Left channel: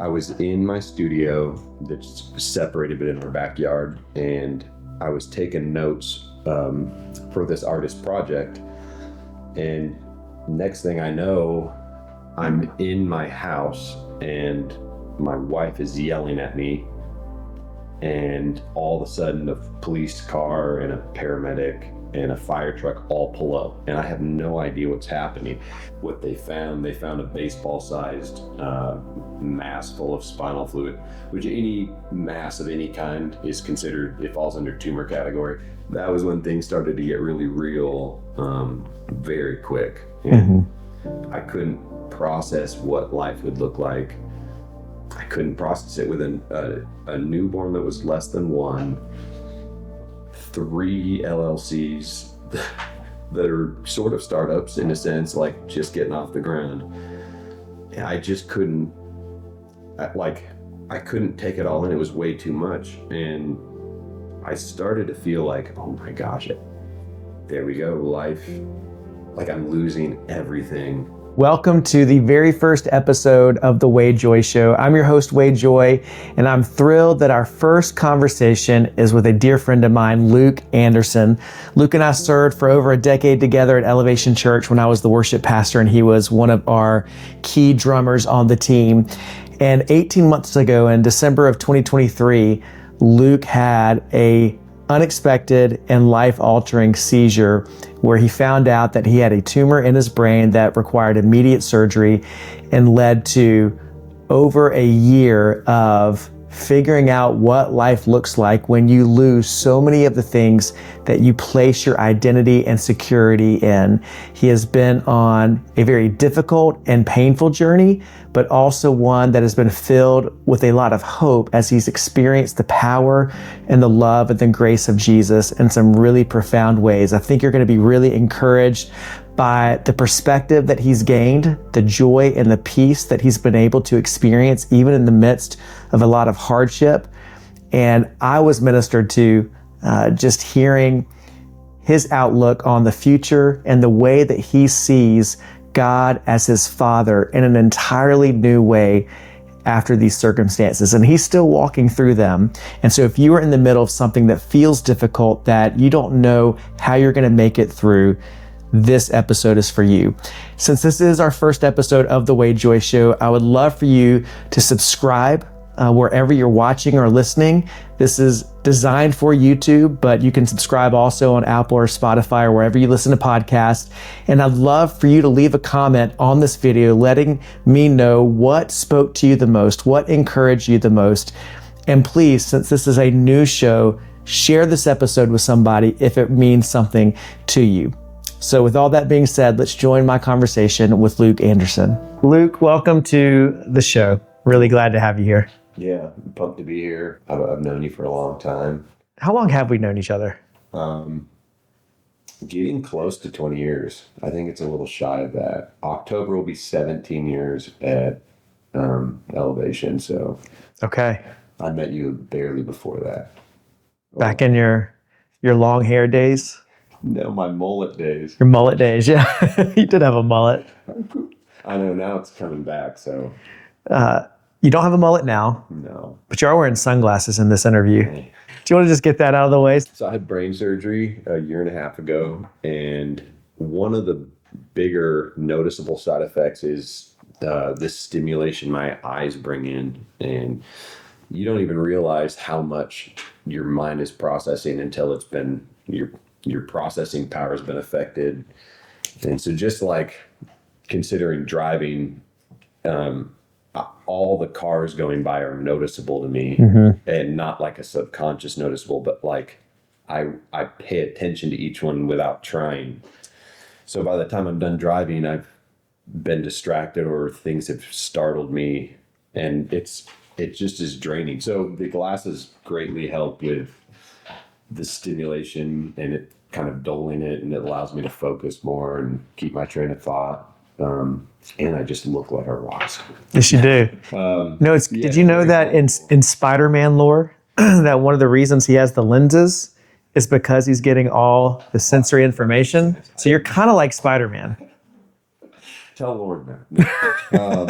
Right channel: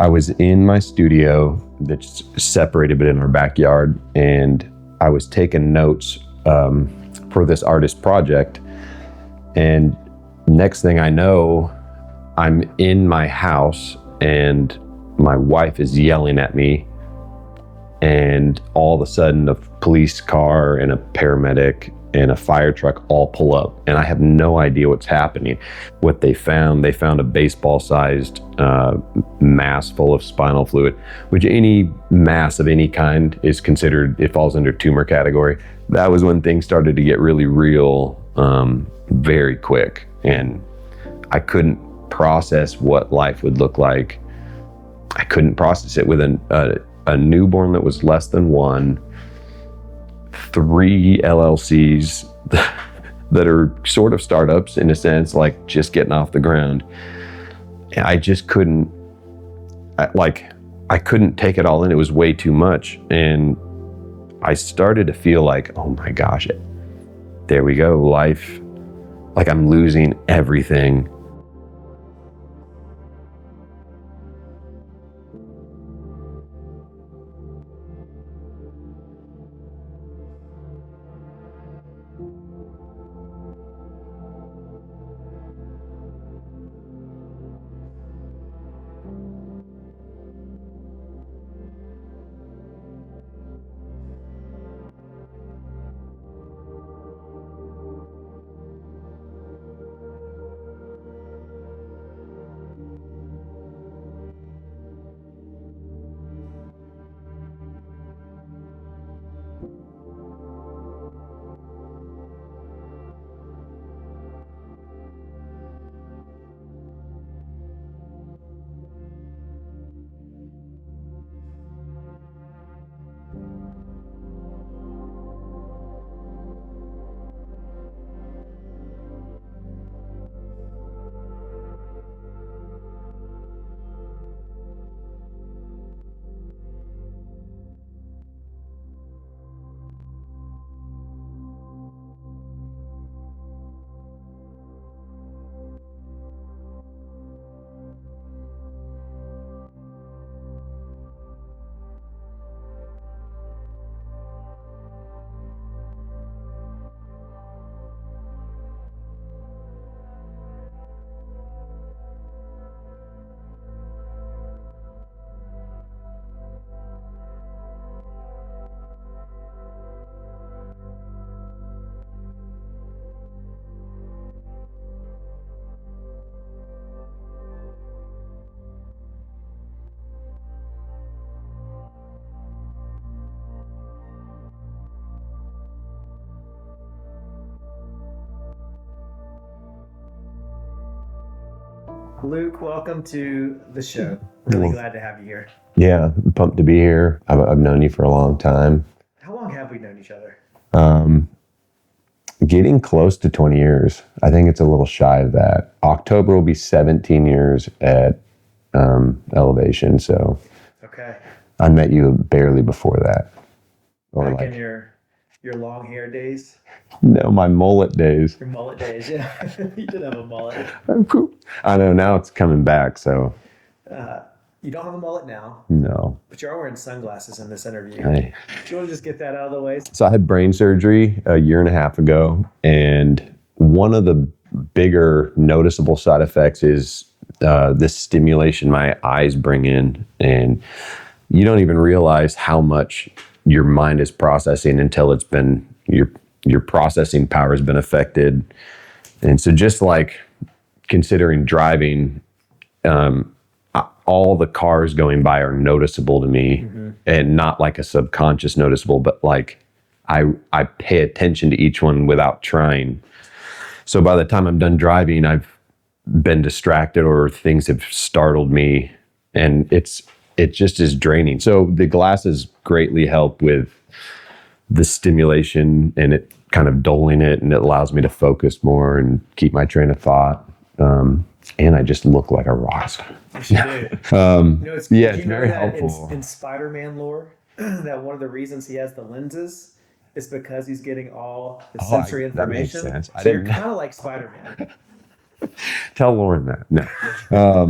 I was in my studio that's separated but in our backyard, and I was taking notes for this artist project. And next thing I know, I'm in my house and my wife is yelling at me, and all of a sudden a police car and a paramedic and a fire truck all pull up, and I have no idea what's happening. What they found a baseball-sized mass full of spinal fluid, which any mass of any kind is considered, it falls under tumor category. That was when things started to get really real very quick, and I couldn't process what life would look like. I couldn't process it with a newborn that was less than 1, 3 LLCs that are sort of startups in a sense, like just getting off the ground. And I just couldn't, I couldn't take it all in. It was way too much. And I started to feel like, oh my gosh, there we go, life, like I'm losing everything. Welcome to the very first episode of the Wade Joye Show. I'm your host, Wade Joye, and I'm thrilled that our first conversation is with a dear friend of mine, Luke Anderson. Luke and I served for over a decade together at Elevation Church when I was the worship pastor, and he was one of our key drummers on the team. And 18 months ago, in December of 2023, Luke had a unexpected and life-altering seizure where he found out that he had a tumor in his brain that required immediate surgery and led to over a year of figuring out what life looks like when you lose so many of the things that you place your identity and security in. He has been on a very difficult and painful journey, but also one that has been filled with a lot of hope as he's experienced the power and the love and the grace of Jesus in some really profound ways. I think you're going to be really encouraged by the perspective that he's gained, the joy and the peace that he's been able to experience even in the midst of a lot of hardship. And I was ministered to just hearing his outlook on the future and the way that he sees God as his Father in an entirely new way after these circumstances. And he's still walking through them. And so if you are in the middle of something that feels difficult, that you don't know how you're going to make it through, this episode is for you. Since this is our first episode of the Wade Joye Show, I would love for you to subscribe wherever you're watching or listening. This is designed for YouTube, but you can subscribe also on Apple or Spotify or wherever you listen to podcasts. And I'd love for you to leave a comment on this video, letting me know what spoke to you the most, what encouraged you the most. And please, since this is a new show, share this episode with somebody if it means something to you. So with all that being said, let's join my conversation with Luke Anderson. Luke, welcome to the show. Really glad to have you here. Yeah, I'm pumped to be here. I've known you for a long time. How long have we known each other? Getting close to 20 years. I think it's a little shy of that. October will be 17 years at Elevation. So Okay. I met you barely before that. Back in your long hair days? No, my mullet days. Your mullet days, yeah. You did have a mullet. I know, now it's coming back, so. You don't have a mullet now. No. But you are wearing sunglasses in this interview. Hey. Do you want to just get that out of the way? So I had brain surgery a year and a half ago, and one of the bigger noticeable side effects is this stimulation my eyes bring in, and you don't even realize how much your mind is processing until it's been, your processing power has been affected. And so just like considering driving, all the cars going by are noticeable to me, and not like a subconscious noticeable, but like I pay attention to each one without trying. So by the time I'm done driving, I've been distracted or things have startled me, and it just is draining. So the glasses greatly help with the stimulation and it kind of dulling it, and it allows me to focus more and keep my train of thought. And I just look like a rock star. Yes, you do. Did you know that in Spider-Man lore, that one of the reasons he has the lenses is because he's getting all the sensory information? So you're kind of like Spider-Man. Tell Lauren that. No.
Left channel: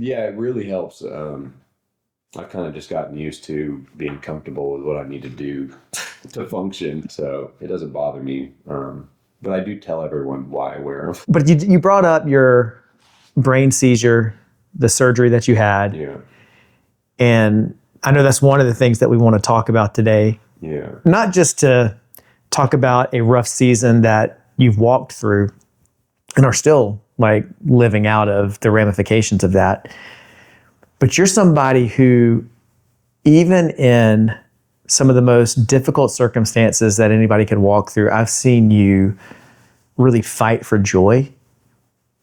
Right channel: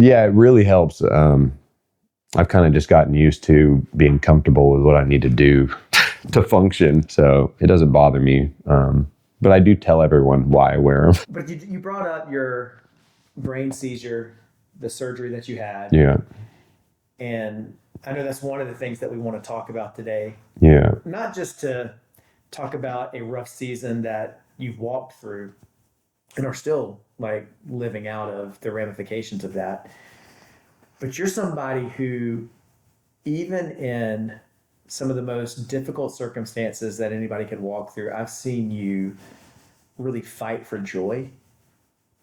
Yeah, it really helps. I've kind of just gotten used to being comfortable with what I need to do to function. So it doesn't bother me. But I do tell everyone why I wear them. But you brought up your brain seizure, the surgery that you had. Yeah. And I know that's one of the things that we want to talk about today. Yeah. Not just to talk about a rough season that you've walked through and are still like living out of the ramifications of that, but you're somebody who, even in some of the most difficult circumstances that anybody could walk through, I've seen you really fight for joy.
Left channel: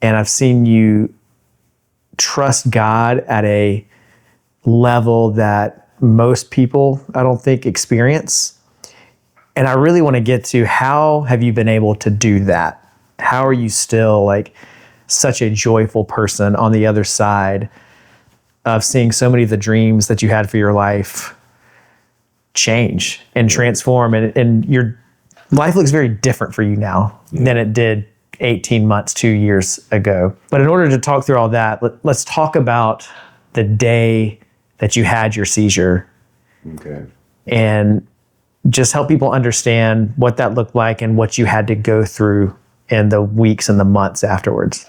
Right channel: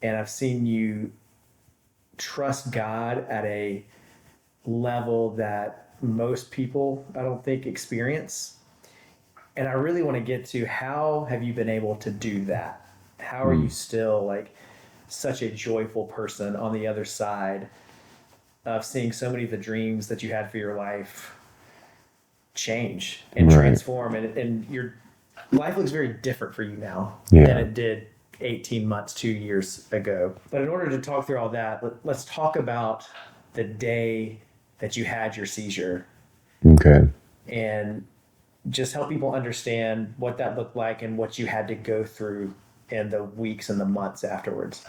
And I've seen you trust God at a level that most people, I don't think, experience. And I really want to get to, how have you been able to do that? How are you still like such a joyful person on the other side of seeing so many of the dreams that you had for your life change and transform, and your life looks very different for you now than it did 18 months, 2 years ago. But in order to talk through all that, let's talk about the day that you had your seizure. Okay. And just help people understand what that looked like and what you had to go through in the weeks and the months afterwards.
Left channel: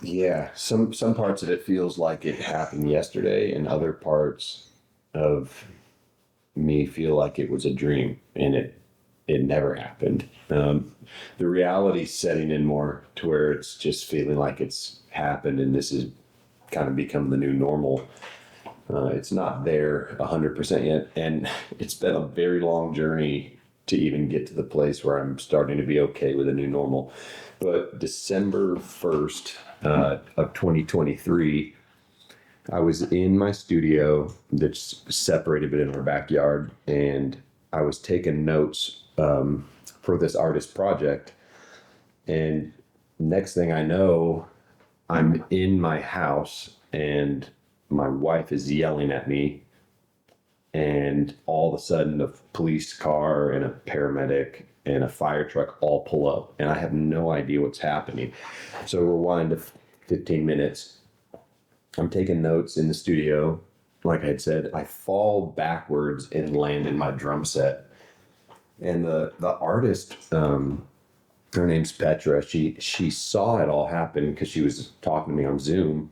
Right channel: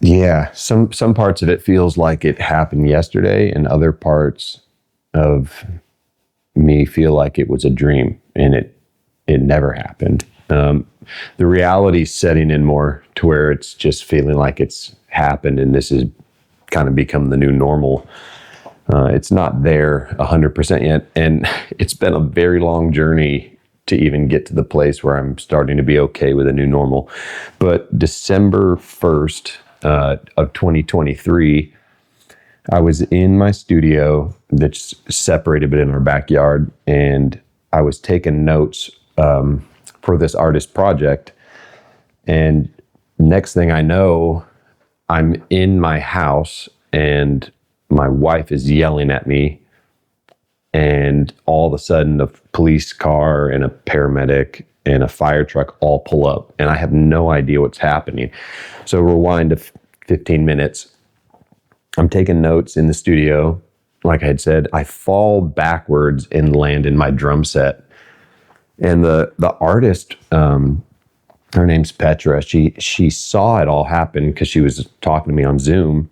Yeah, some parts of it feels like it happened yesterday, and other parts of me feel like it was a dream and it never happened. The reality's setting in more to where it's just feeling like it's happened and this has kind of become the new normal. It's not there 100% yet, and it's been a very long journey to even get to the place where I'm starting to be okay with a new normal. But December 1st of 2023, I was in my studio that's separated but in our backyard, and I was taking notes for this artist project. And next thing I know, I'm in my house and my wife is yelling at me, and all of a sudden a police car and a paramedic and a fire truck all pull up, and I have no idea what's happening. So rewind to 15 minutes. I'm taking notes in the studio. Like I had said, I fall backwards and land in my drum set. And the artist, her name's Petra, she saw it all happen because she was talking to me on Zoom.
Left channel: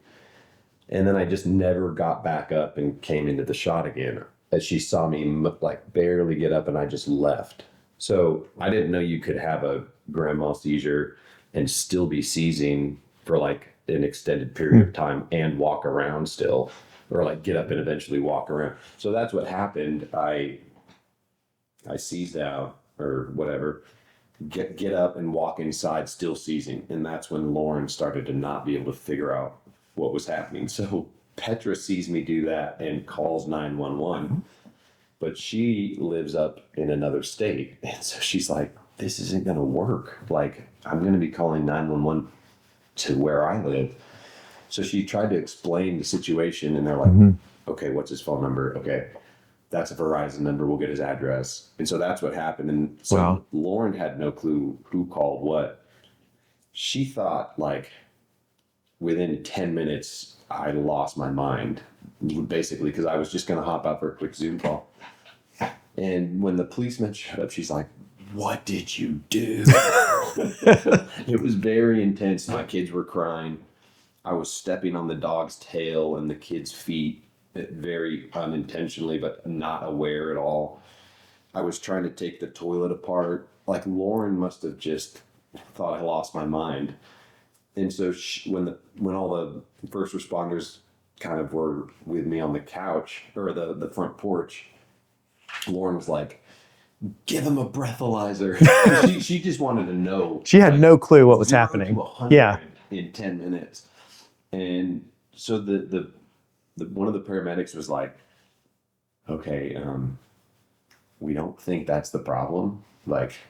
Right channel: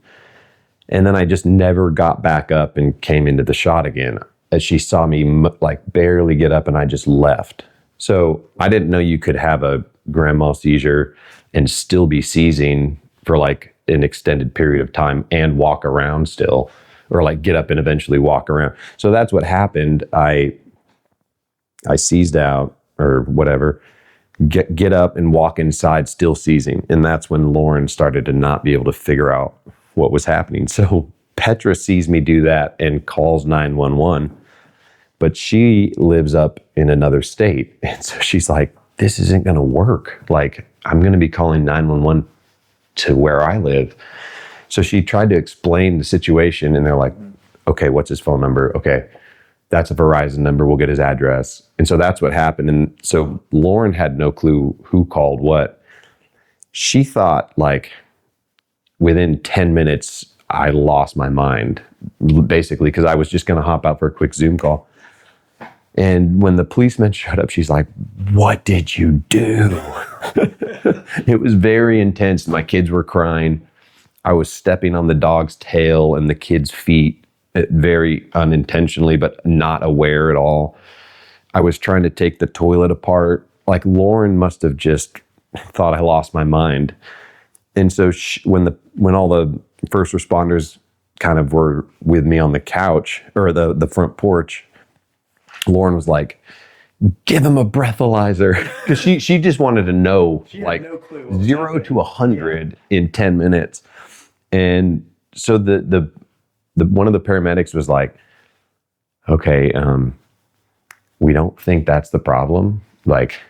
And then I just never got back up and came into the shot again. As she saw me like barely get up, and I just left. So I didn't know you could have a grand mal seizure and still be seizing for like an extended period of time and walk around still, or like get up and eventually walk around. So that's what happened. I seized out or whatever, get up and walk inside still seizing. And that's when Lauren started to not be able to figure out what was happening. So Petra sees me do that and calls 911, but she lives up in another state. And so she's like, this isn't going to work. Like, I'm going to be calling 911 to where I live. So she tried to explain the situation, and they're like, okay, what's his phone number? Okay, that's a Verizon number. We'll get his address. And so that's what happened. And so Lauren had no clue who called what. She thought like within 10 minutes, I lost my mind, basically, because I was just going to hop out for a quick Zoom call. And when the policeman showed up, she's like, what did you do? It was very intense. My kids were crying. I was stepping on the dog's tail and the kid's feet, very unintentionally, but not aware at all. I was trying to take the toilet apart. Like, Lauren must have just thought I lost my mind. And so when all the first responders kind of were with me on the couch or the front porch, Lauren was like, give him a breathalyzer. she just wanted to know. She had like, no clue what was happening. 0 to 100 in 10 minutes. And so the one of the paramedics was like, okay, we don't think that's the problem. Like,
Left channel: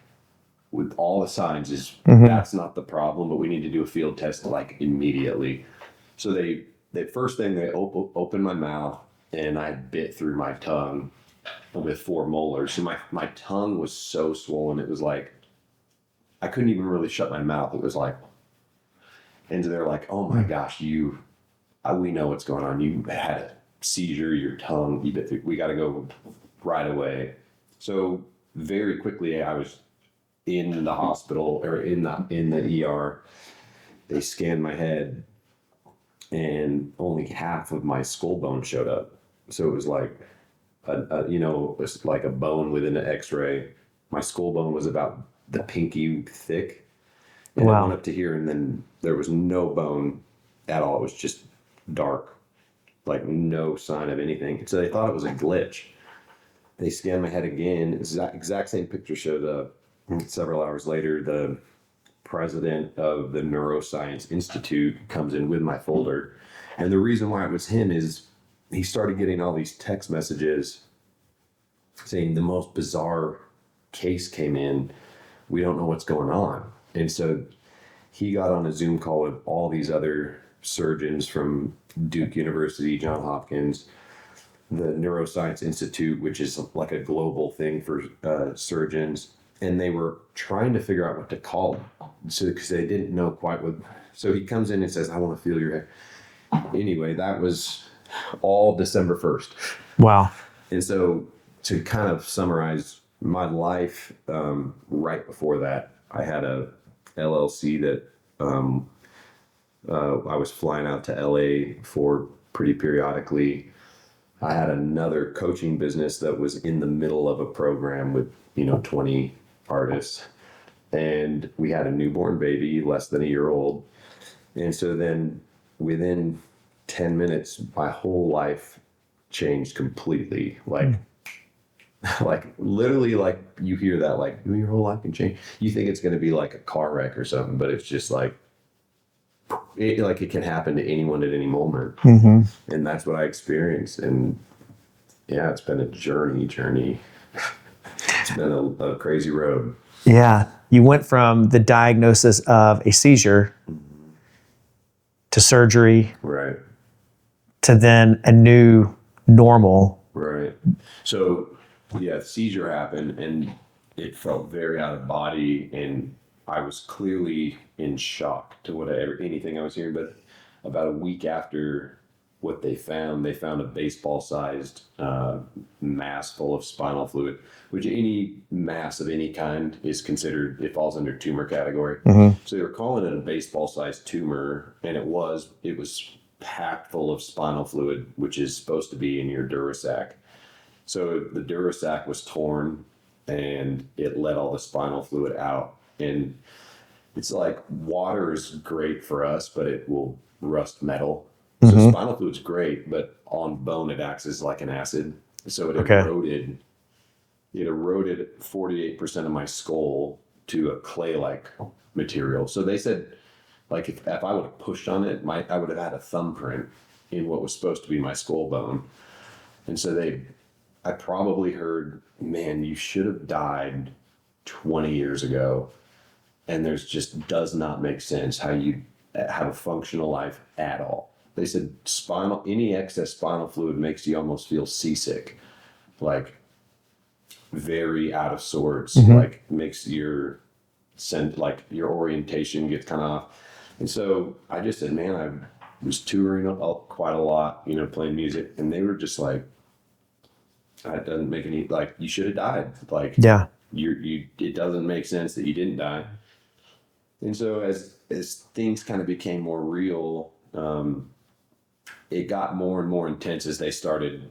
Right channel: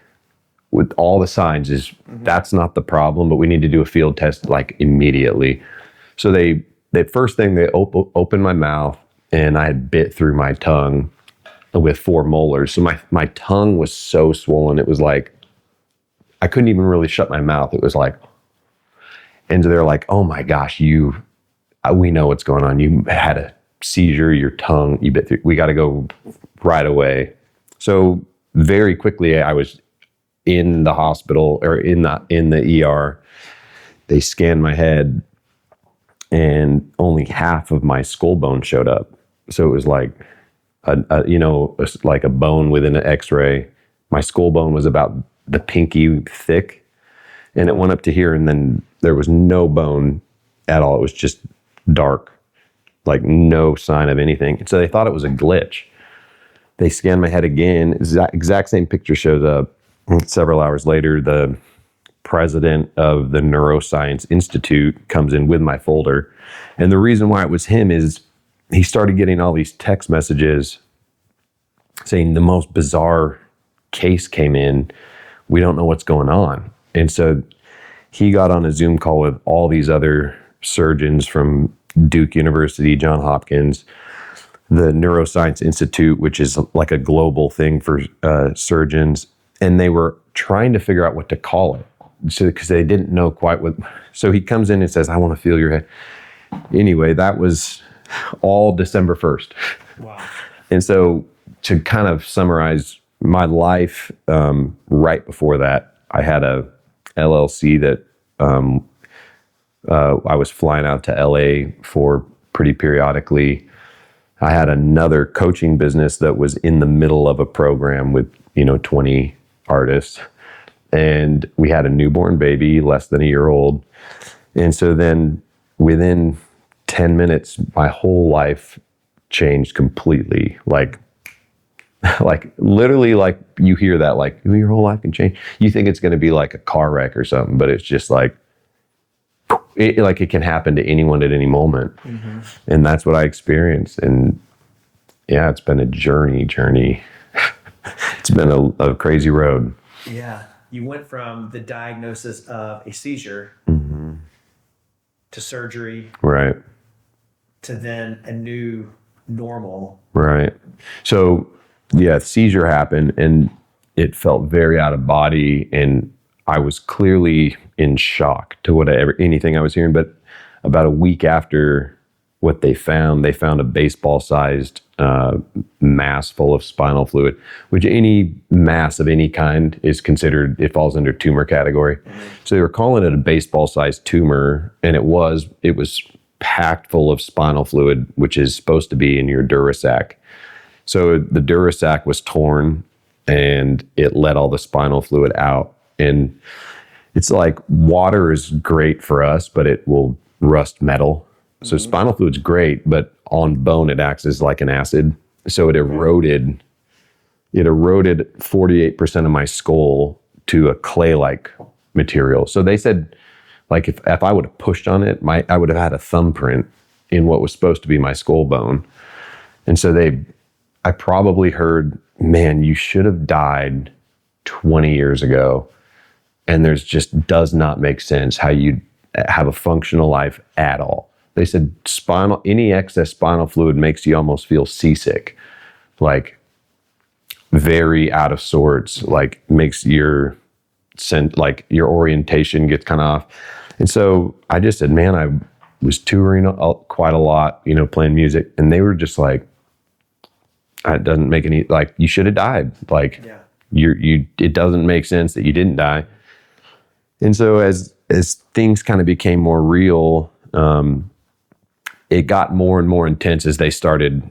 with all the signs is that's not the problem, but we need to do a field test like immediately. So they first thing they opened my mouth, and I had bit through my tongue with 4 molars. So my tongue was so swollen. It was like, I couldn't even really shut my mouth. It was like, And they're like, oh my gosh, we know what's going on. You had a seizure, your tongue, you bit through, we got to go right away. So very quickly I was in the hospital or in the ER. They scanned my head and only half of my skull bone showed up. So it was like, like a bone within an x-ray. My skull bone was about the pinky thick and It went up to here and then there was no bone at all. It was just dark, like no sign of anything. And so they thought it was a glitch. They scanned my head again. Exact same picture shows up. Several hours later, the president of the Neuroscience Institute comes in with my folder. And the reason why it was him is he started getting all these text messages saying the most bizarre case came in. We don't know what's going on. And so he got on a Zoom call with all these other surgeons from Duke University, Johns Hopkins, the Neuroscience Institute, which is like a global thing for surgeons. And they were trying to figure out what to call it. So, because they didn't know quite what. So he comes in and says, I want to feel your head. Anyway, that was all December 1st. Wow. And so to kind of summarize my life, right before that, I had a LLC that I was flying out to LA for pretty periodically. I had another coaching business that was in the middle of a program with, 20 artists. And we had a newborn baby, less than a year old. And so then within 10 minutes, my whole life changed completely. Like literally, like you hear that, like your whole life can change. You think it's going to be like a car wreck or something, but it's just like, it can happen to anyone at any moment. Mm-hmm. And that's what I experienced. And yeah, it's been a journey. It's been a crazy road. Yeah. You went from the diagnosis of a seizure to surgery. Right. To then a new normal. Right. So yeah, seizure happened and it felt very out of body. And I was clearly in shock to anything I was hearing. But about a week after what they found a baseball-sized mass full of spinal fluid, which any mass of any kind is considered, it falls under tumor category. Mm-hmm. So they were calling it a baseball-sized tumor, and it was packed full of spinal fluid, which is supposed to be in your dura sac. So the dura sac was torn, and it let all the spinal fluid out. And it's like water is great for us, but it will rust metal. So spinal fluid's great, but on bone, it acts as like an acid. So it eroded 48% of my skull to a clay-like material. So they said, like, if I would have pushed on it, I would have had a thumbprint in what was supposed to be my skull bone. And so I probably heard, man, you should have died 20 years ago. And there's just does not make sense how you have a functional life at all. They said any excess spinal fluid makes you almost feel seasick, like very out of sorts, like makes your orientation gets kind of off. And so I just said, man, I was touring quite a lot, playing music. And they were just like, it doesn't make any, like, you should have died. Like, yeah, it doesn't make sense that you didn't die. And so as things kind of became more real, it got more and more intense as they started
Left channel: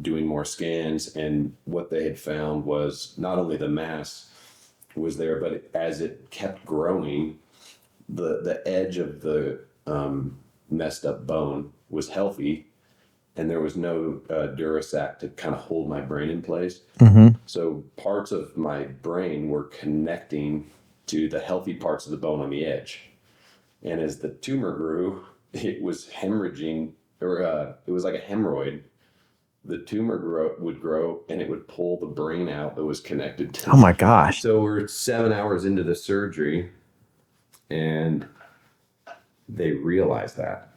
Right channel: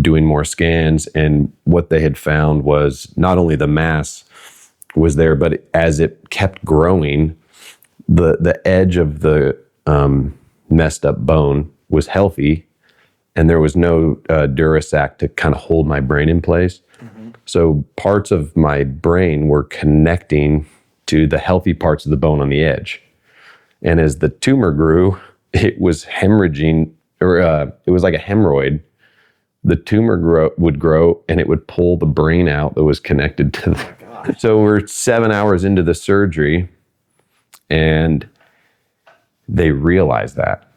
doing more scans. And what they had found was not only the mass was there, but as it kept growing, the edge of the messed up bone was healthy, and there was no dura sac to kind of hold my brain in place. Mm-hmm. So parts of my brain were connecting to the healthy parts of the bone on the edge. And as the tumor grew, it was hemorrhaging, or it was like a hemorrhoid. The tumor would grow and it would pull the brain out that was connected to. Oh my gosh. So we're 7 hours into the surgery and they realized that.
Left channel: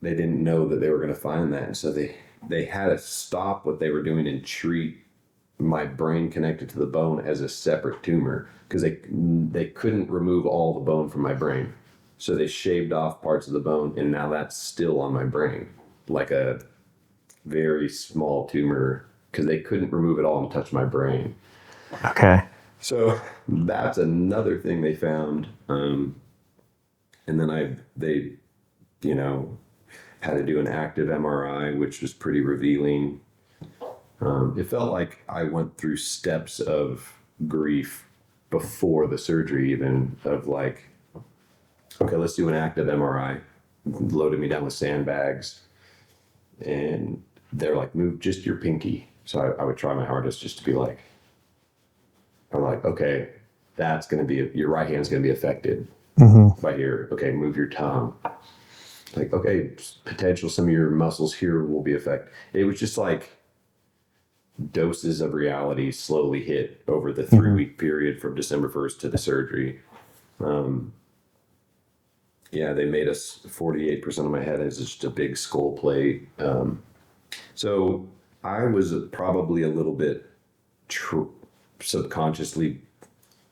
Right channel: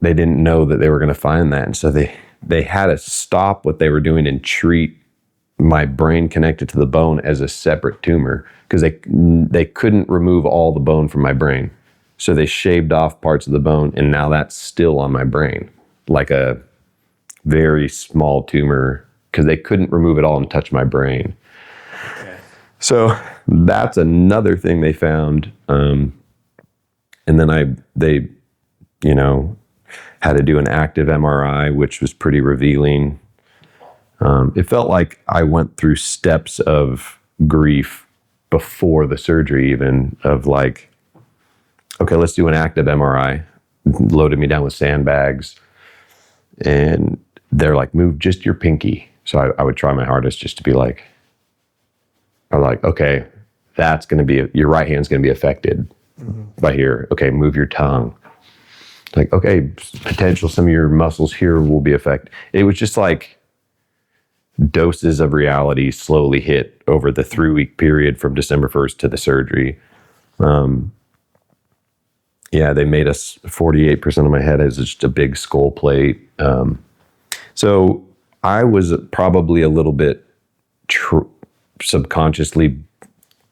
They didn't know that they were going to find that. And so they had to stop what they were doing and treat my brain connected to the bone as a separate tumor, because they couldn't remove all the bone from my brain. So they shaved off parts of the bone, and now that's still on my brain, like a very small tumor, because they couldn't remove it all and touch my brain. Okay. So that's another thing they found. And then they, had to do an active MRI, which was pretty revealing. It felt like I went through steps of grief before the surgery, even, of like, okay, let's do an active MRI. Loaded me down with sandbags, and they're like, move just your pinky. So I would try my hardest just to be like, okay, that's going to be, your right hand's going to be affected by here. Okay, move your tongue. Like, okay, potential, some of your muscles here will be affected. It was just like doses of reality slowly hit over the 3-week period from December 1st to the surgery. They made us 48% of my head is just a big skull plate. So I was probably a little bit subconsciously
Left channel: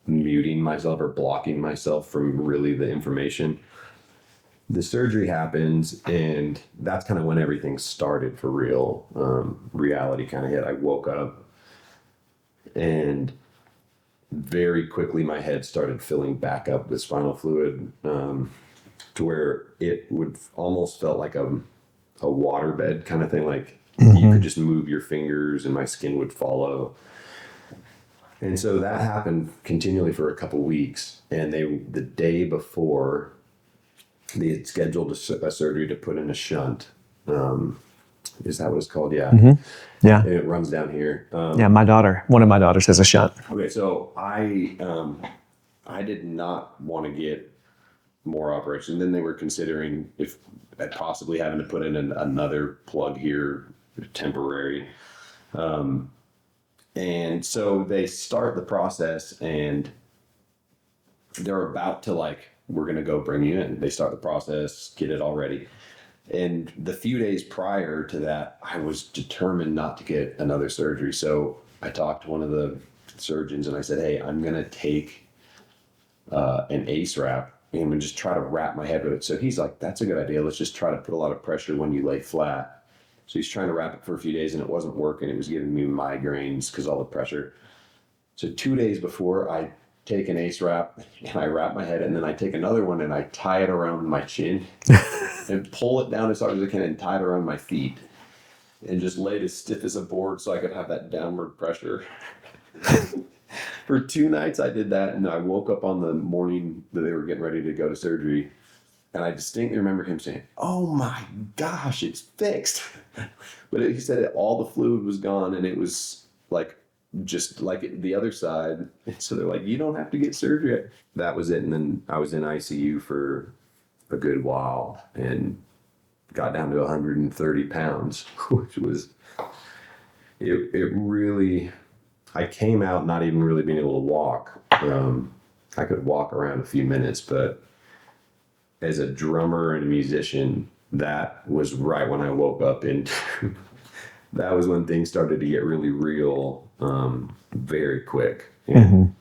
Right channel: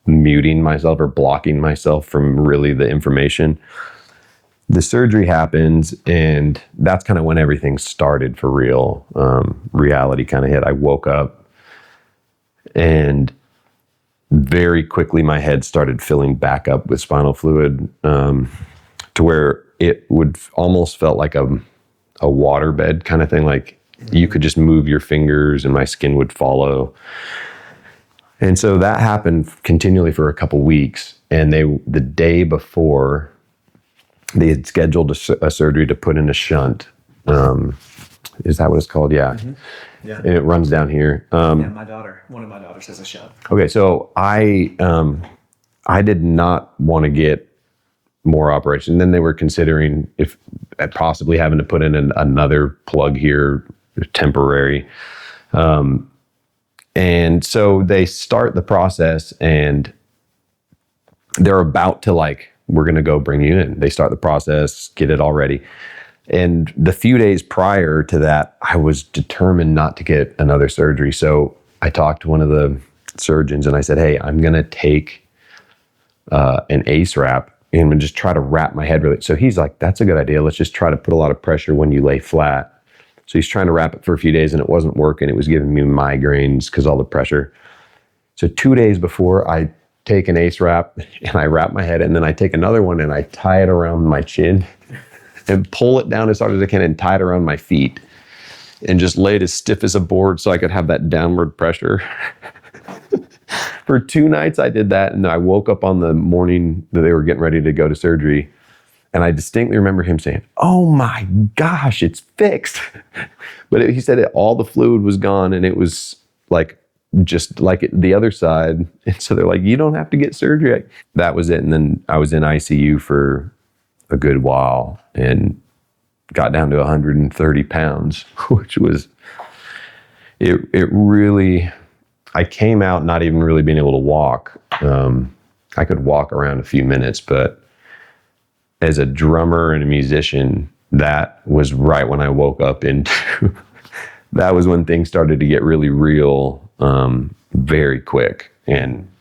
muting myself or blocking myself from really the information. The surgery happens, and that's kind of when everything started for real. Reality kind of hit. I woke up, and very quickly my head started filling back up with spinal fluid, to where it would almost felt like a waterbed kind of thing. Like you could just move your fingers and my skin would follow. And so that happened continually for a couple weeks. And the day before, they had scheduled a surgery to put in a shunt. Is that what it's called? Yeah. Yeah. And it runs down here. One of my daughters has a shunt. Okay. So I did not want to get more operation. Then they were considering if possibly having to put in another plug here, temporary. And so they start the process, and they're about to we're going to go bring you in. They start the process, get it all ready. And the few days prior to that, I was determined not to get another surgery. So I talked to one of the surgeons and I said, hey, I'm going to take an ACE wrap and just try to wrap my head really. So he's like, that's a good idea. Let's just try to put a lot of pressure when you lay flat. So he's trying to wrap it for a few days, and it wasn't working. It was giving me migraines because all the pressure. So 2 days before, I take an ACE wrap and I wrap my head, and then I take another one and I tie it around my chin and pull it down as hard as I can and tie it around my feet and just lay it as stiff as a board so I could have that downward pressure. For 2 nights I did that, and I woke up on the morning that they were getting ready to go to surgery, and I distinctly remember him saying, oh my gosh, it's fixed. But he said all the fluid was gone, and it was just like the other side. And so they're like, you don't have to get surgery. That was it. And then I was in ICU for a good while and got down to 130 pounds, which was, it really, I came out not even really being able to walk. I could walk around a few minutes, but as a drummer and a musician, that was right when I woke up into, that was when things started to get really real, very quick. And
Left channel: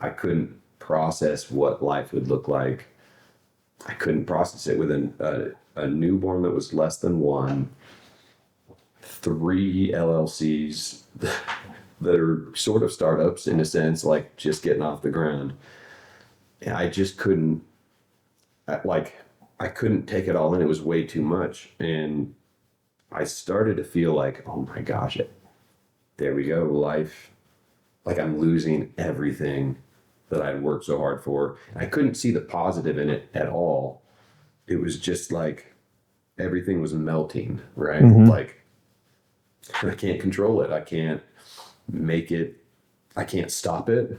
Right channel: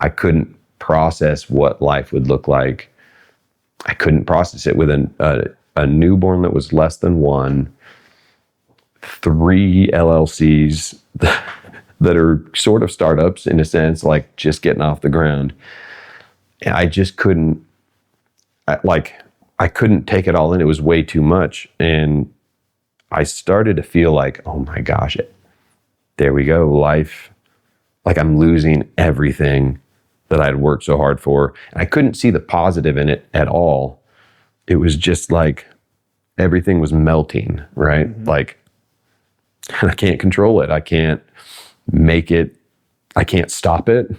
I couldn't process what life would look like. I couldn't process it with a newborn that was less than 1, 3 LLCs that are sort of startups in a sense, like just getting off the ground. And I just couldn't, I couldn't take it all in. It was way too much. And I started to feel like, oh my gosh, there we go, life. Like I'm losing everything that I'd worked so hard for. And I couldn't see the positive in it at all. It was just like everything was melting, right? Like I can't control it. I can't make it. I can't stop it.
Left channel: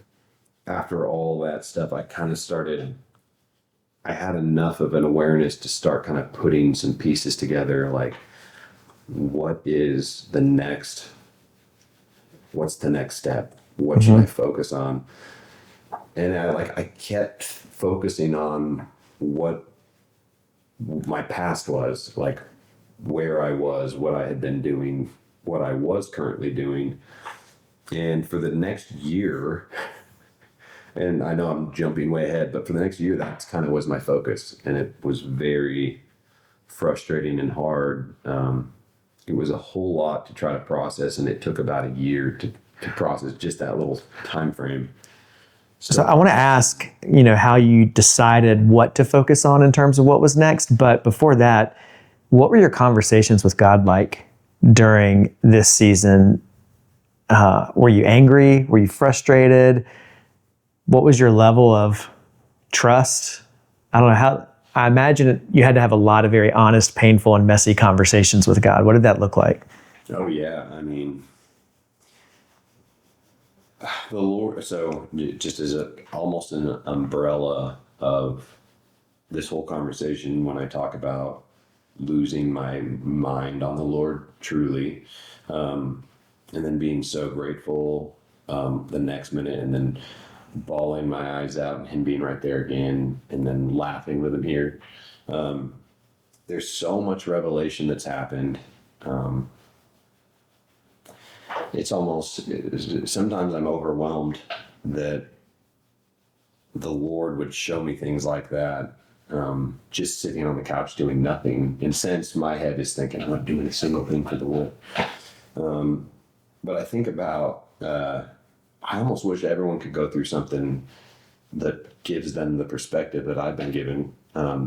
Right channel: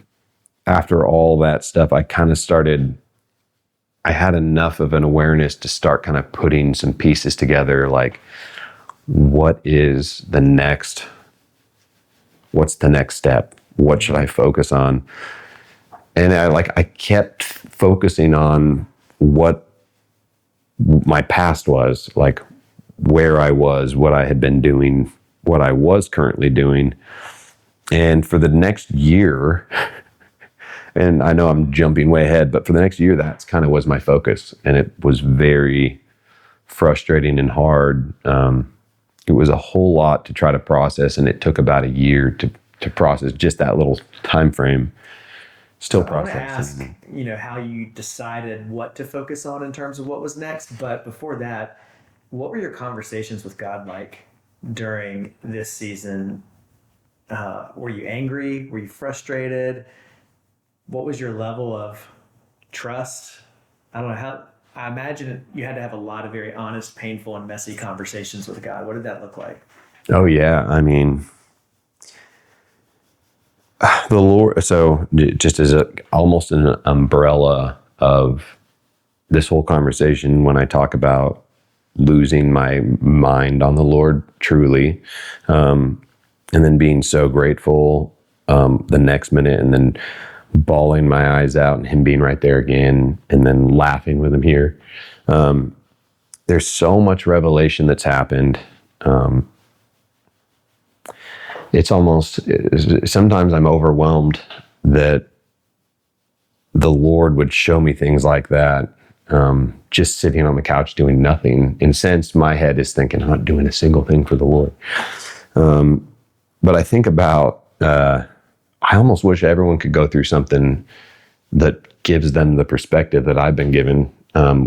After all that stuff, I kind of started, I had enough of an awareness to start kind of putting some pieces together. Like, what's the next step? What should I focus on? And I kept focusing on what my past was, like where I was, what I had been doing, what I was currently doing. And for the next year, And I know I'm jumping way ahead, but for the next year, that's kind of was my focus. And it was very frustrating and hard. It was a whole lot to try to process, and it took about a year to process just that little time frame. So I want to ask, how you decided what to focus on in terms of what was next. But before that, what were your conversations with God like during this season? Were you angry? Were you frustrated? What was your level of trust? I don't know how. I imagine you had to have a lot of very honest, painful, and messy conversations with God. What did that look like? Oh yeah, I mean, the Lord. So just as almost an umbrella of this whole conversation, when I talk about losing my mind on the Lord truly, and then being so grateful the next minute, and then bawling my eyes out and him being right there again, and then laughing with him here. There's so much revelation that's happened. It's almost, sometimes I'm overwhelmed that the Lord would show me things like that, just sitting on the couch doing nothing. In a sense, my head is thinking, I'm not doing a single thing for the Lord. But I think about, I almost wish everyone could go through something that gives them the perspective that I've been given,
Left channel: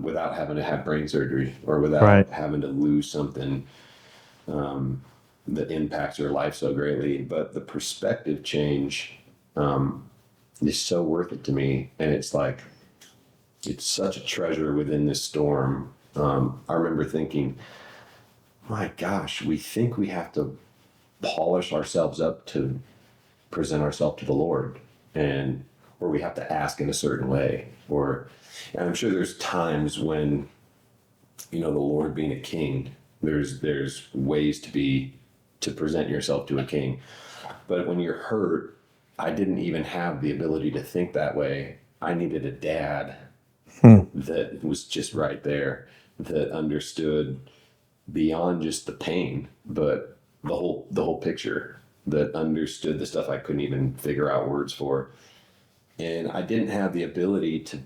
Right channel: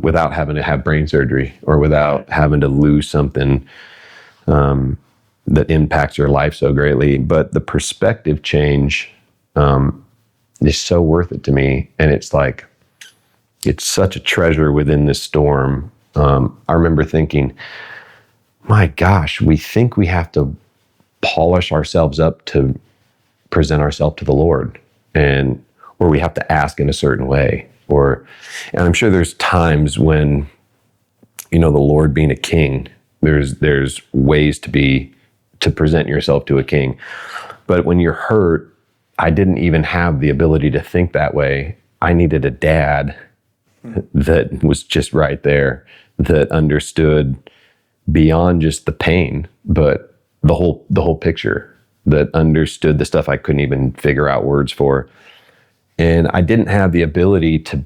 without having to have brain surgery or without having to lose something that impacts your life so greatly. But the perspective change is so worth it to me. And it's like, it's such a treasure within this storm. I remember thinking, my gosh, we think we have to polish ourselves up to present ourselves to the Lord, or we have to ask in a certain way, and I'm sure there's times when, the Lord being a king, there's ways to present yourself to a king. But when you're hurt, I didn't even have the ability to think that way. I needed a dad that was just right there, that understood beyond just the pain, but the whole picture, that understood the stuff I couldn't even figure out words for. And I didn't have the ability to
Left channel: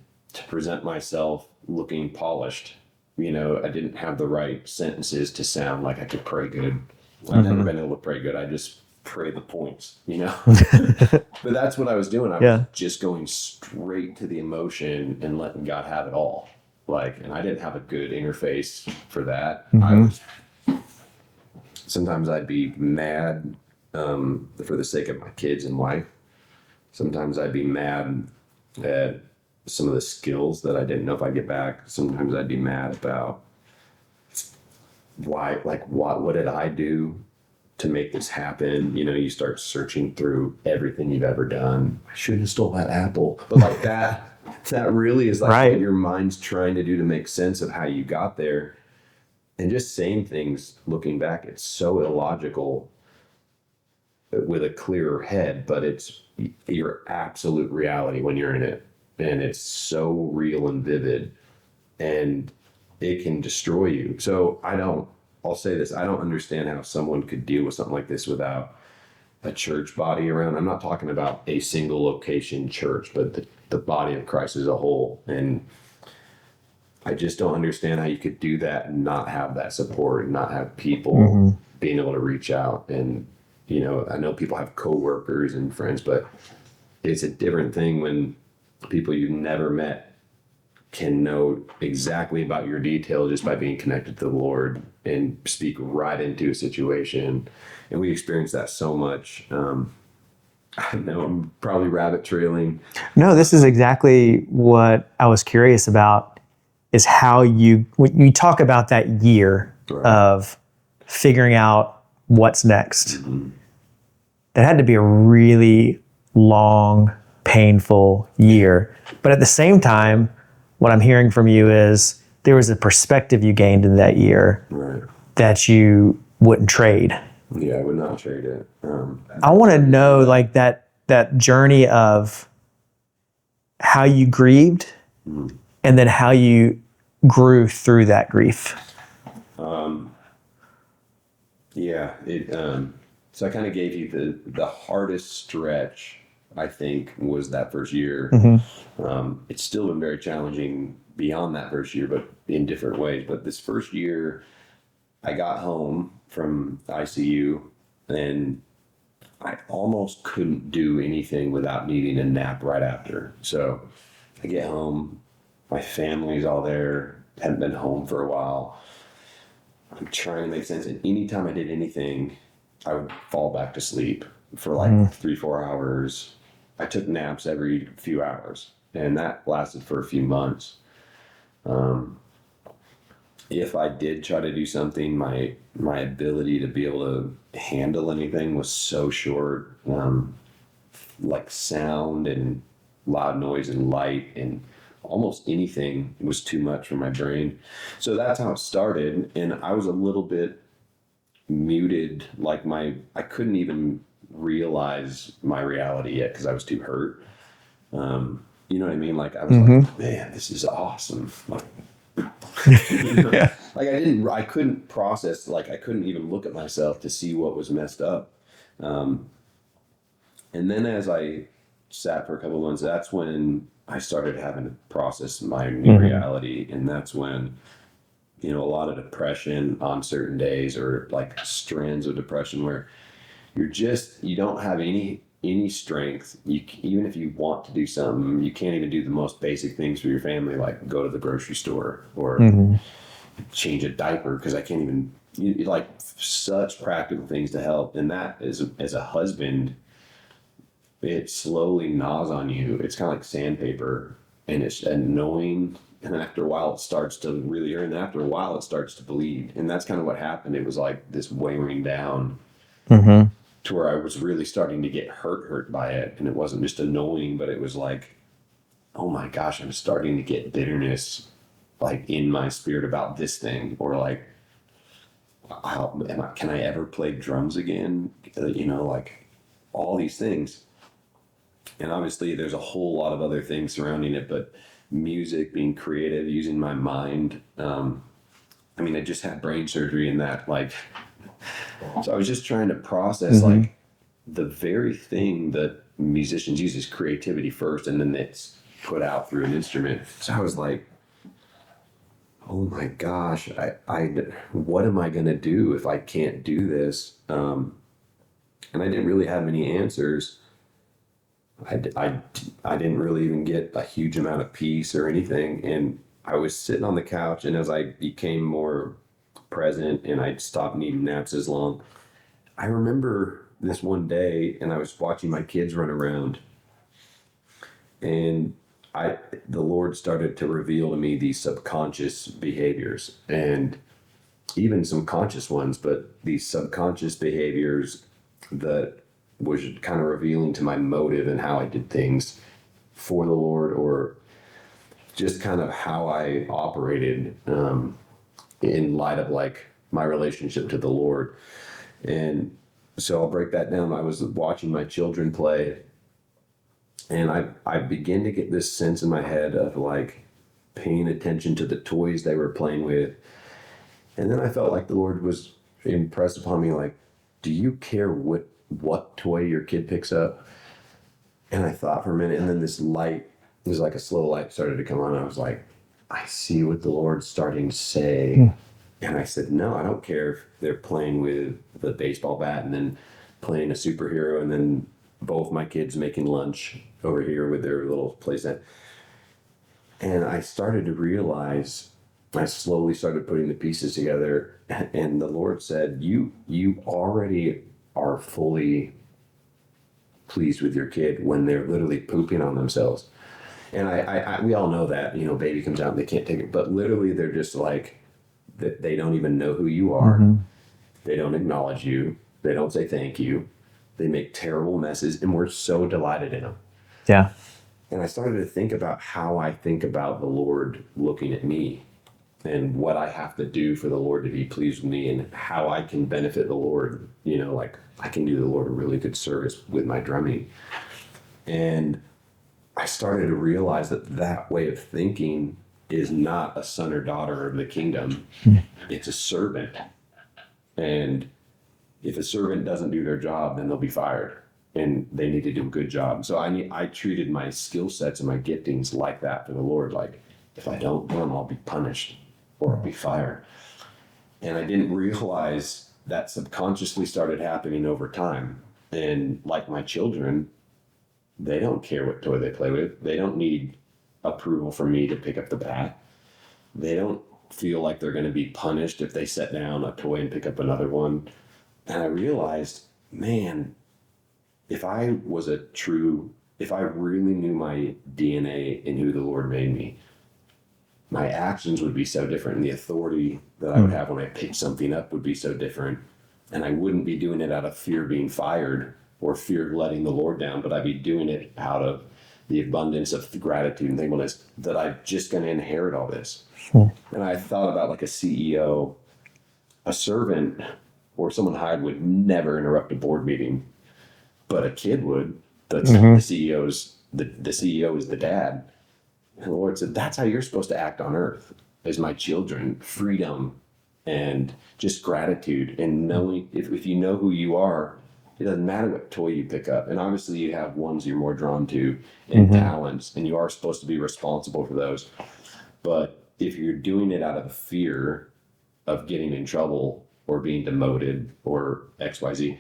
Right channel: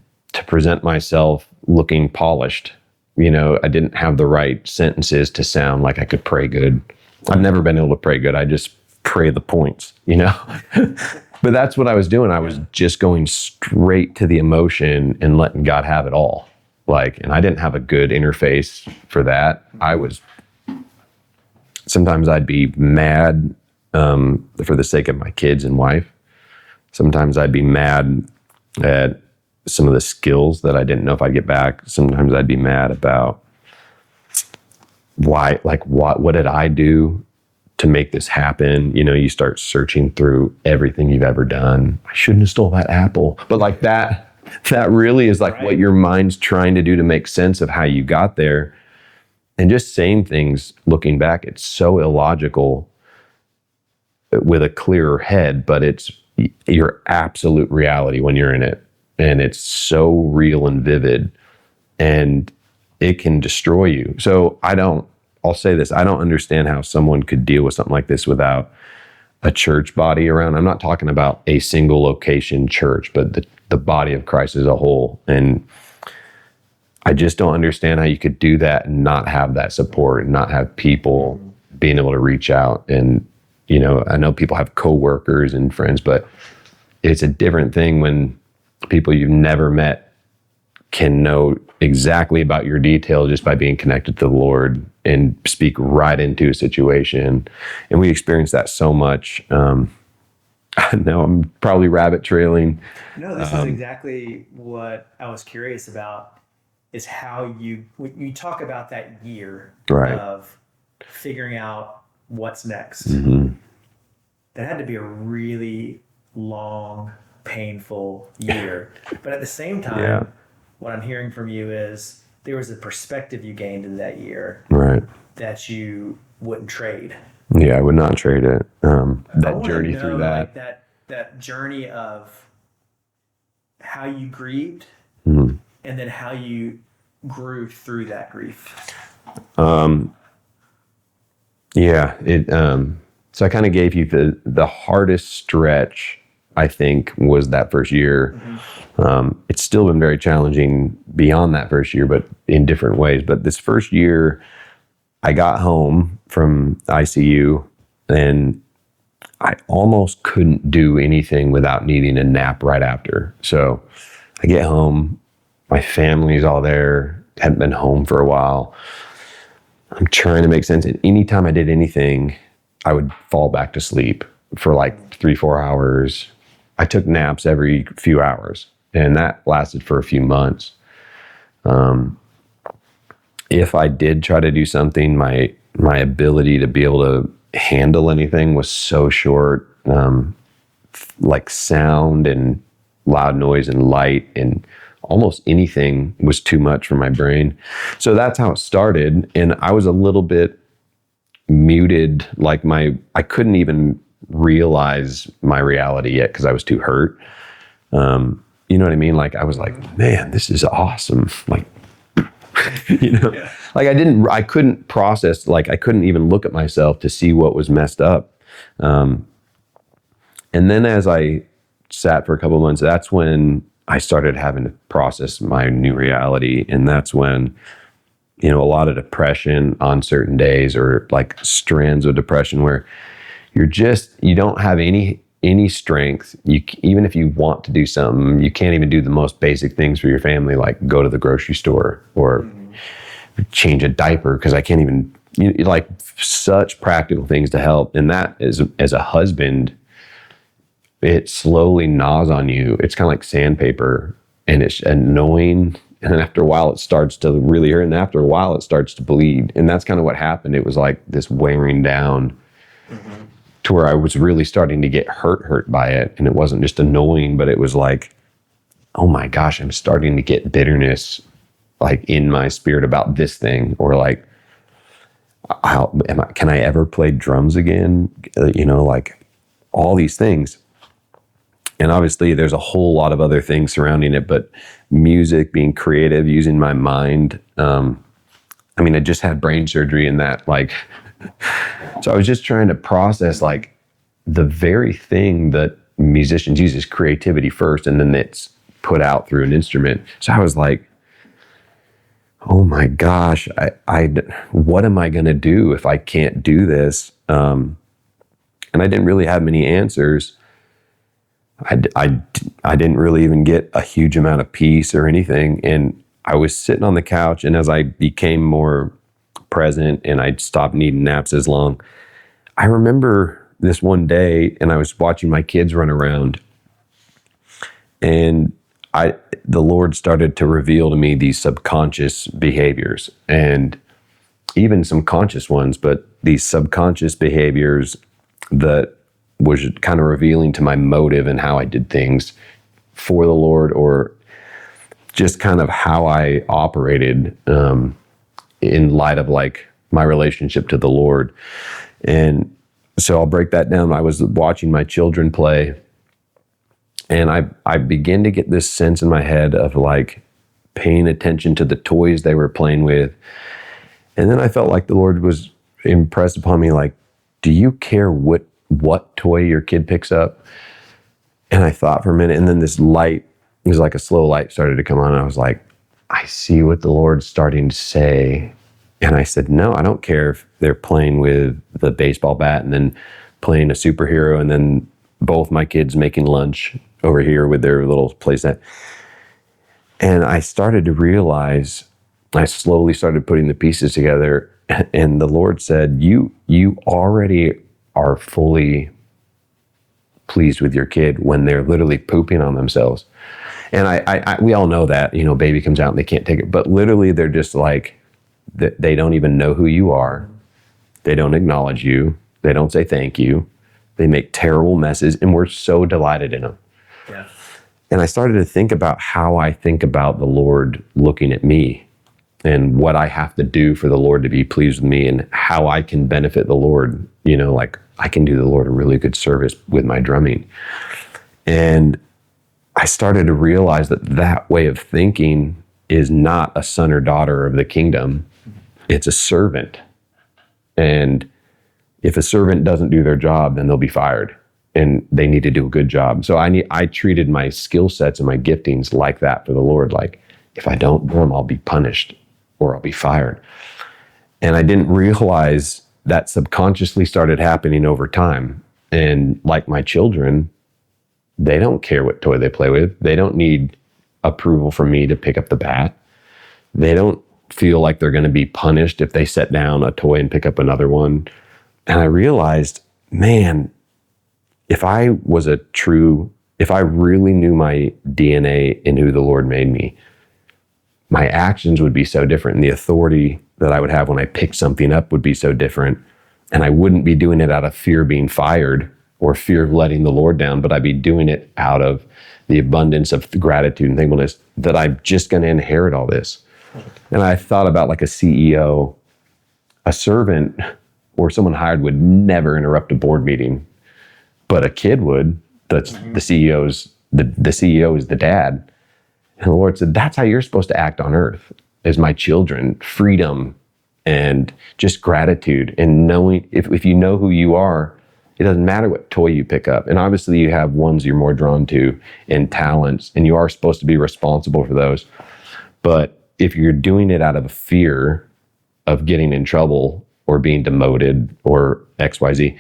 present myself looking polished. I didn't have the right sentences to sound like I could pray good. I've never been able to pray good. I just pray the points, But that's what I was doing. I was just going straight to the emotion and letting God have it all. And I didn't have a good interface for that. Sometimes I'd be mad for the sake of my kids and wife. Sometimes I'd be mad at some of the skills that I didn't know if I'd get back. Sometimes I'd be mad about what did I do to make this happen? You start searching through everything you've ever done. I shouldn't have stole that apple. But that really is what your mind's trying to do to make sense of how you got there. And just saying things, looking back, it's so illogical with a clearer head, but it's your absolute reality when you're in it. And it's so real and vivid, and it can destroy you. So I'll say this, I don't understand how someone could deal with something like this without a church body around. I'm not talking about a single location church, but the body of Christ as a whole. And I just don't understand how you could do that and not have that support and not have people being able to reach out. And, I know people have coworkers and friends, but it's a different thing when people you've never met can know exactly about your detail just by being connected to the Lord and speak right into a situation. And we experience that so much. I know I'm probably rabbit trailing. No, this is exactly what I was curious about, is how when you talk about that year of figuring out what's next. That had to be a really long, painful year. But at the same time, what I'm hearing from you is there was a perspective you gained in that year that you wouldn't trade. Yeah, I would not trade it. I want to know that journey of how you grieved and then how you grew through that grief. So I kind of gave you the hardest stretch I think, was that first year. It's still been very challenging beyond that first year, but in different ways. But this first year, I got home from ICU and I almost couldn't do anything without needing a nap right after. So I get home, my family's all there, hadn't been home for a while. I'm trying to make sense. And anytime I did anything, I would fall back to sleep for like 3-4 hours. I took naps every few hours, and that lasted for a few months. If I did try to do something, my ability to be able to handle anything was so short. Like sound and loud noise and light and almost anything was too much for my brain. So that's how it started. And I was a little bit muted, like I couldn't even realize my reality yet because I was too hurt. You know what I mean? Like I was like, man, this is awesome. Like, yeah. Like I couldn't process, like I couldn't even look at myself to see what was messed up. And then as I sat for a couple of months, that's when I started having to process my new reality. And that's when, a lot of depression on certain days, or like strands of depression where you don't have any strength. Even if you want to do something, you can't even do the most basic things for your family, like go to the grocery store or change a diaper, because I can't even, like such practical things to help. And that is, as a husband, it slowly gnaws on you. It's kind of like sandpaper, and it's annoying. And then after a while, it starts to really hurt. And after a while, it starts to bleed. And that's kind of what happened. It was like this wearing down to where I was really starting to get hurt by it. And it wasn't just annoying, but it was like, oh my gosh, I'm starting to get bitterness like in my spirit about this thing, or like, can I ever play drums again? Like all these things. And obviously there's a whole lot of other things surrounding it, but music, being creative, using my mind. I just had brain surgery and that, like, so I was just trying to process like the very thing that musicians use is creativity first, and then it's put out through an instrument. So I was like, oh my gosh, what am I going to do if I can't do this? And I didn't really have many answers. I didn't really even get a huge amount of peace or anything. And I was sitting on the couch, and as I became more present and I stopped needing naps as long, I remember this one day, and I was watching my kids run around, and the Lord started to reveal to me these subconscious behaviors, and even some conscious ones, but these subconscious behaviors that was kind of revealing to my motive and how I did things for the Lord, or just kind of how I operated in light of like my relationship to the Lord. And so I'll break that down. I was watching my children play, and I began to get this sense in my head of like paying attention to the toys they were playing with. And then I felt like the Lord was impressed upon me, like, do you care what toy your kid picks up? And I thought for a minute, and then this light, it was like a slow light, started to come on. And I was like, I see what the Lord's starting to say. And I said, no, I don't care if they're playing with the baseball bat and then playing a superhero, and then both my kids making lunch over here with their little playset. And I started to realize, I slowly started putting the pieces together, and the Lord said, you already are fully pleased with your kid when they're literally pooping on themselves. And we all know that, baby comes out and they can't take it, but literally they're just like, they don't even know who you are. They don't acknowledge you. They don't say thank you. They make terrible messes, and we're so delighted in them. Yeah. And I started to think about how I think about the Lord looking at me, and what I have to do for the Lord to be pleased with me, and how I can benefit the Lord. Like I can do the Lord a really good service with my drumming. And I started to realize that way of thinking is not a son or daughter of the kingdom. It's a servant. And if a servant doesn't do their job, then they'll be fired. and they need to do a good job. So I treated my skill sets and my giftings like that for the Lord. Like, if I don't do them, I'll be punished or I'll be fired. And I didn't realize that subconsciously started happening over time. And like my children, they don't care what toy they play with. They don't need approval from me to pick up the bat. They don't feel like they're going to be punished if they set down a toy and pick up another one. And I realized, man, if I really knew my DNA and who the Lord made me, my actions would be so different. And the authority that I would have when I picked something up would be so different. And I wouldn't be doing it out of fear of being fired or fear of letting the Lord down, but I'd be doing it out of the abundance of gratitude and thankfulness that I'm just going to inherit all this. And I thought about like a CEO, a servant or someone hired would never interrupt a board meeting, but a kid would. The CEO is the dad. And the Lord said, that's how you're supposed to act on earth as my children, freedom and just gratitude and knowing if you know who you are, it doesn't matter what toy you pick up. And obviously you have ones you're more drawn to and talents, and you are supposed to be responsible for those. But if you're doing it out of fear of getting in trouble or being demoted or XYZ,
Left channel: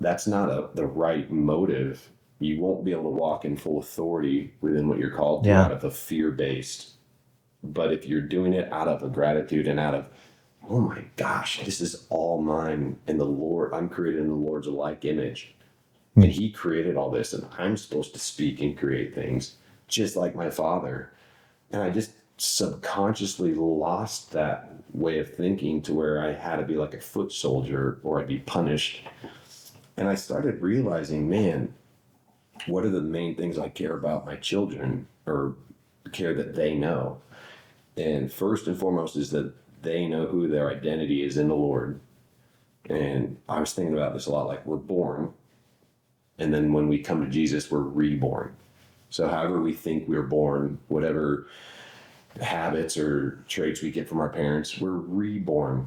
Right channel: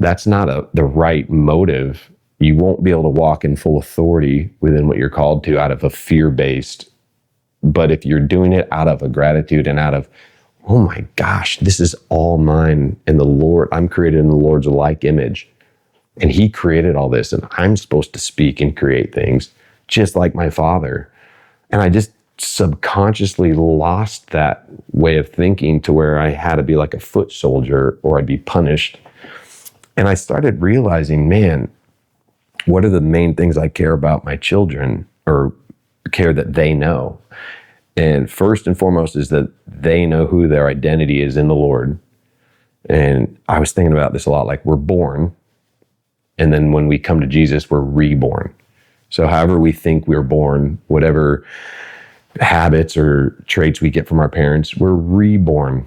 that's not the right motive. You won't be able to walk in full authority within what you're called to out of a fear-based. But if you're doing it out of a gratitude and out of, oh my gosh, this is all mine and the Lord, I'm created in the Lord's like image. And he created all this, and I'm supposed to speak and create things just like my Father. And I just subconsciously lost that way of thinking to where I had to be like a foot soldier or I'd be punished. And I started realizing, man, what are the main things I care about my children or care that they know? And first and foremost is that they know who their identity is in the Lord. And I was thinking about this a lot, like we're born, and then when we come to Jesus, we're reborn. So however we think we're born, whatever habits or traits we get from our parents, we're reborn.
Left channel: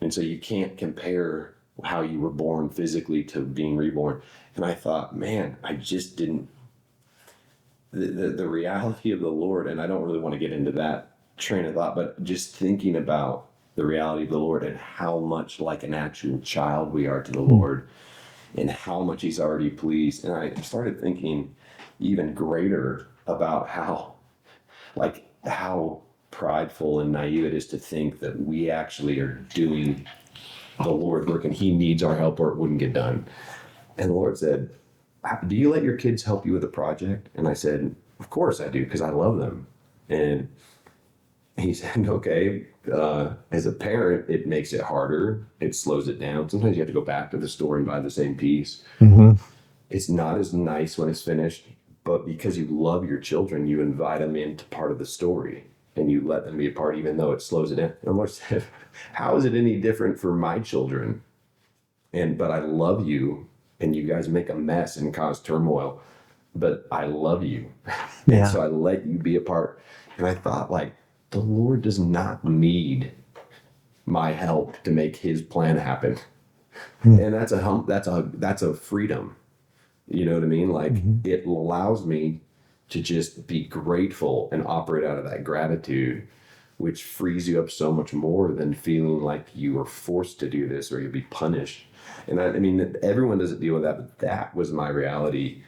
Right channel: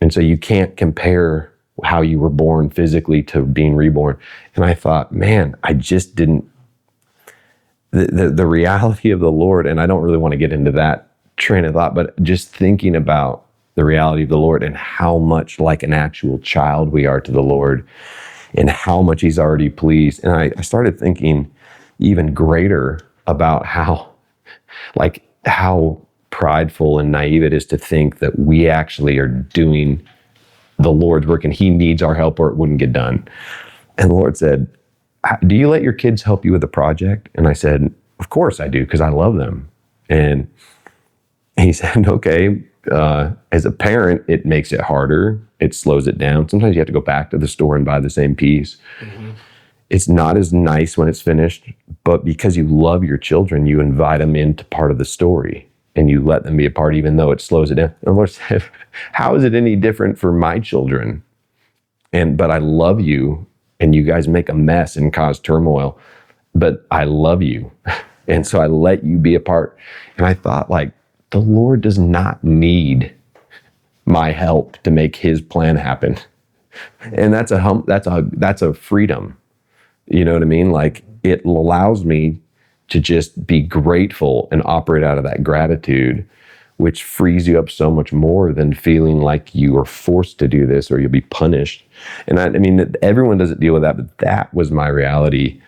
And so you can't compare how you were born physically to being reborn. And I thought, man, I just didn't, the reality of the Lord, and I don't really want to get into that train of thought, but just thinking about the reality of the Lord and how much like an actual child we are to the Lord and how much he's already pleased. And I started thinking even greater about how prideful and naive it is to think that we actually are doing the Lord's work and he needs our help or it wouldn't get done. And the Lord said, do you let your kids help you with a project? And I said, of course I do, because I love them. And he said, okay, as a parent, it makes it harder. It slows it down. Sometimes you have to go back to the store and buy the same piece. It's not as nice when it's finished, but because you love your children, you invite them into part of the story and you let them be a part, even though it slows it down. And the Lord said, how is it any different for my children? But I love you, and you guys make a mess and cause turmoil, but I love you. And so I let you be a part. And I thought, like, the Lord does not need my help to make his plan happen. And that's a freedom. You know what I mean? Like it allows me to just be grateful and operate out of that gratitude, which frees you up so much more than feeling like you are forced to do this or you'll be punished. And I mean, everyone doesn't deal with that, but that was my reality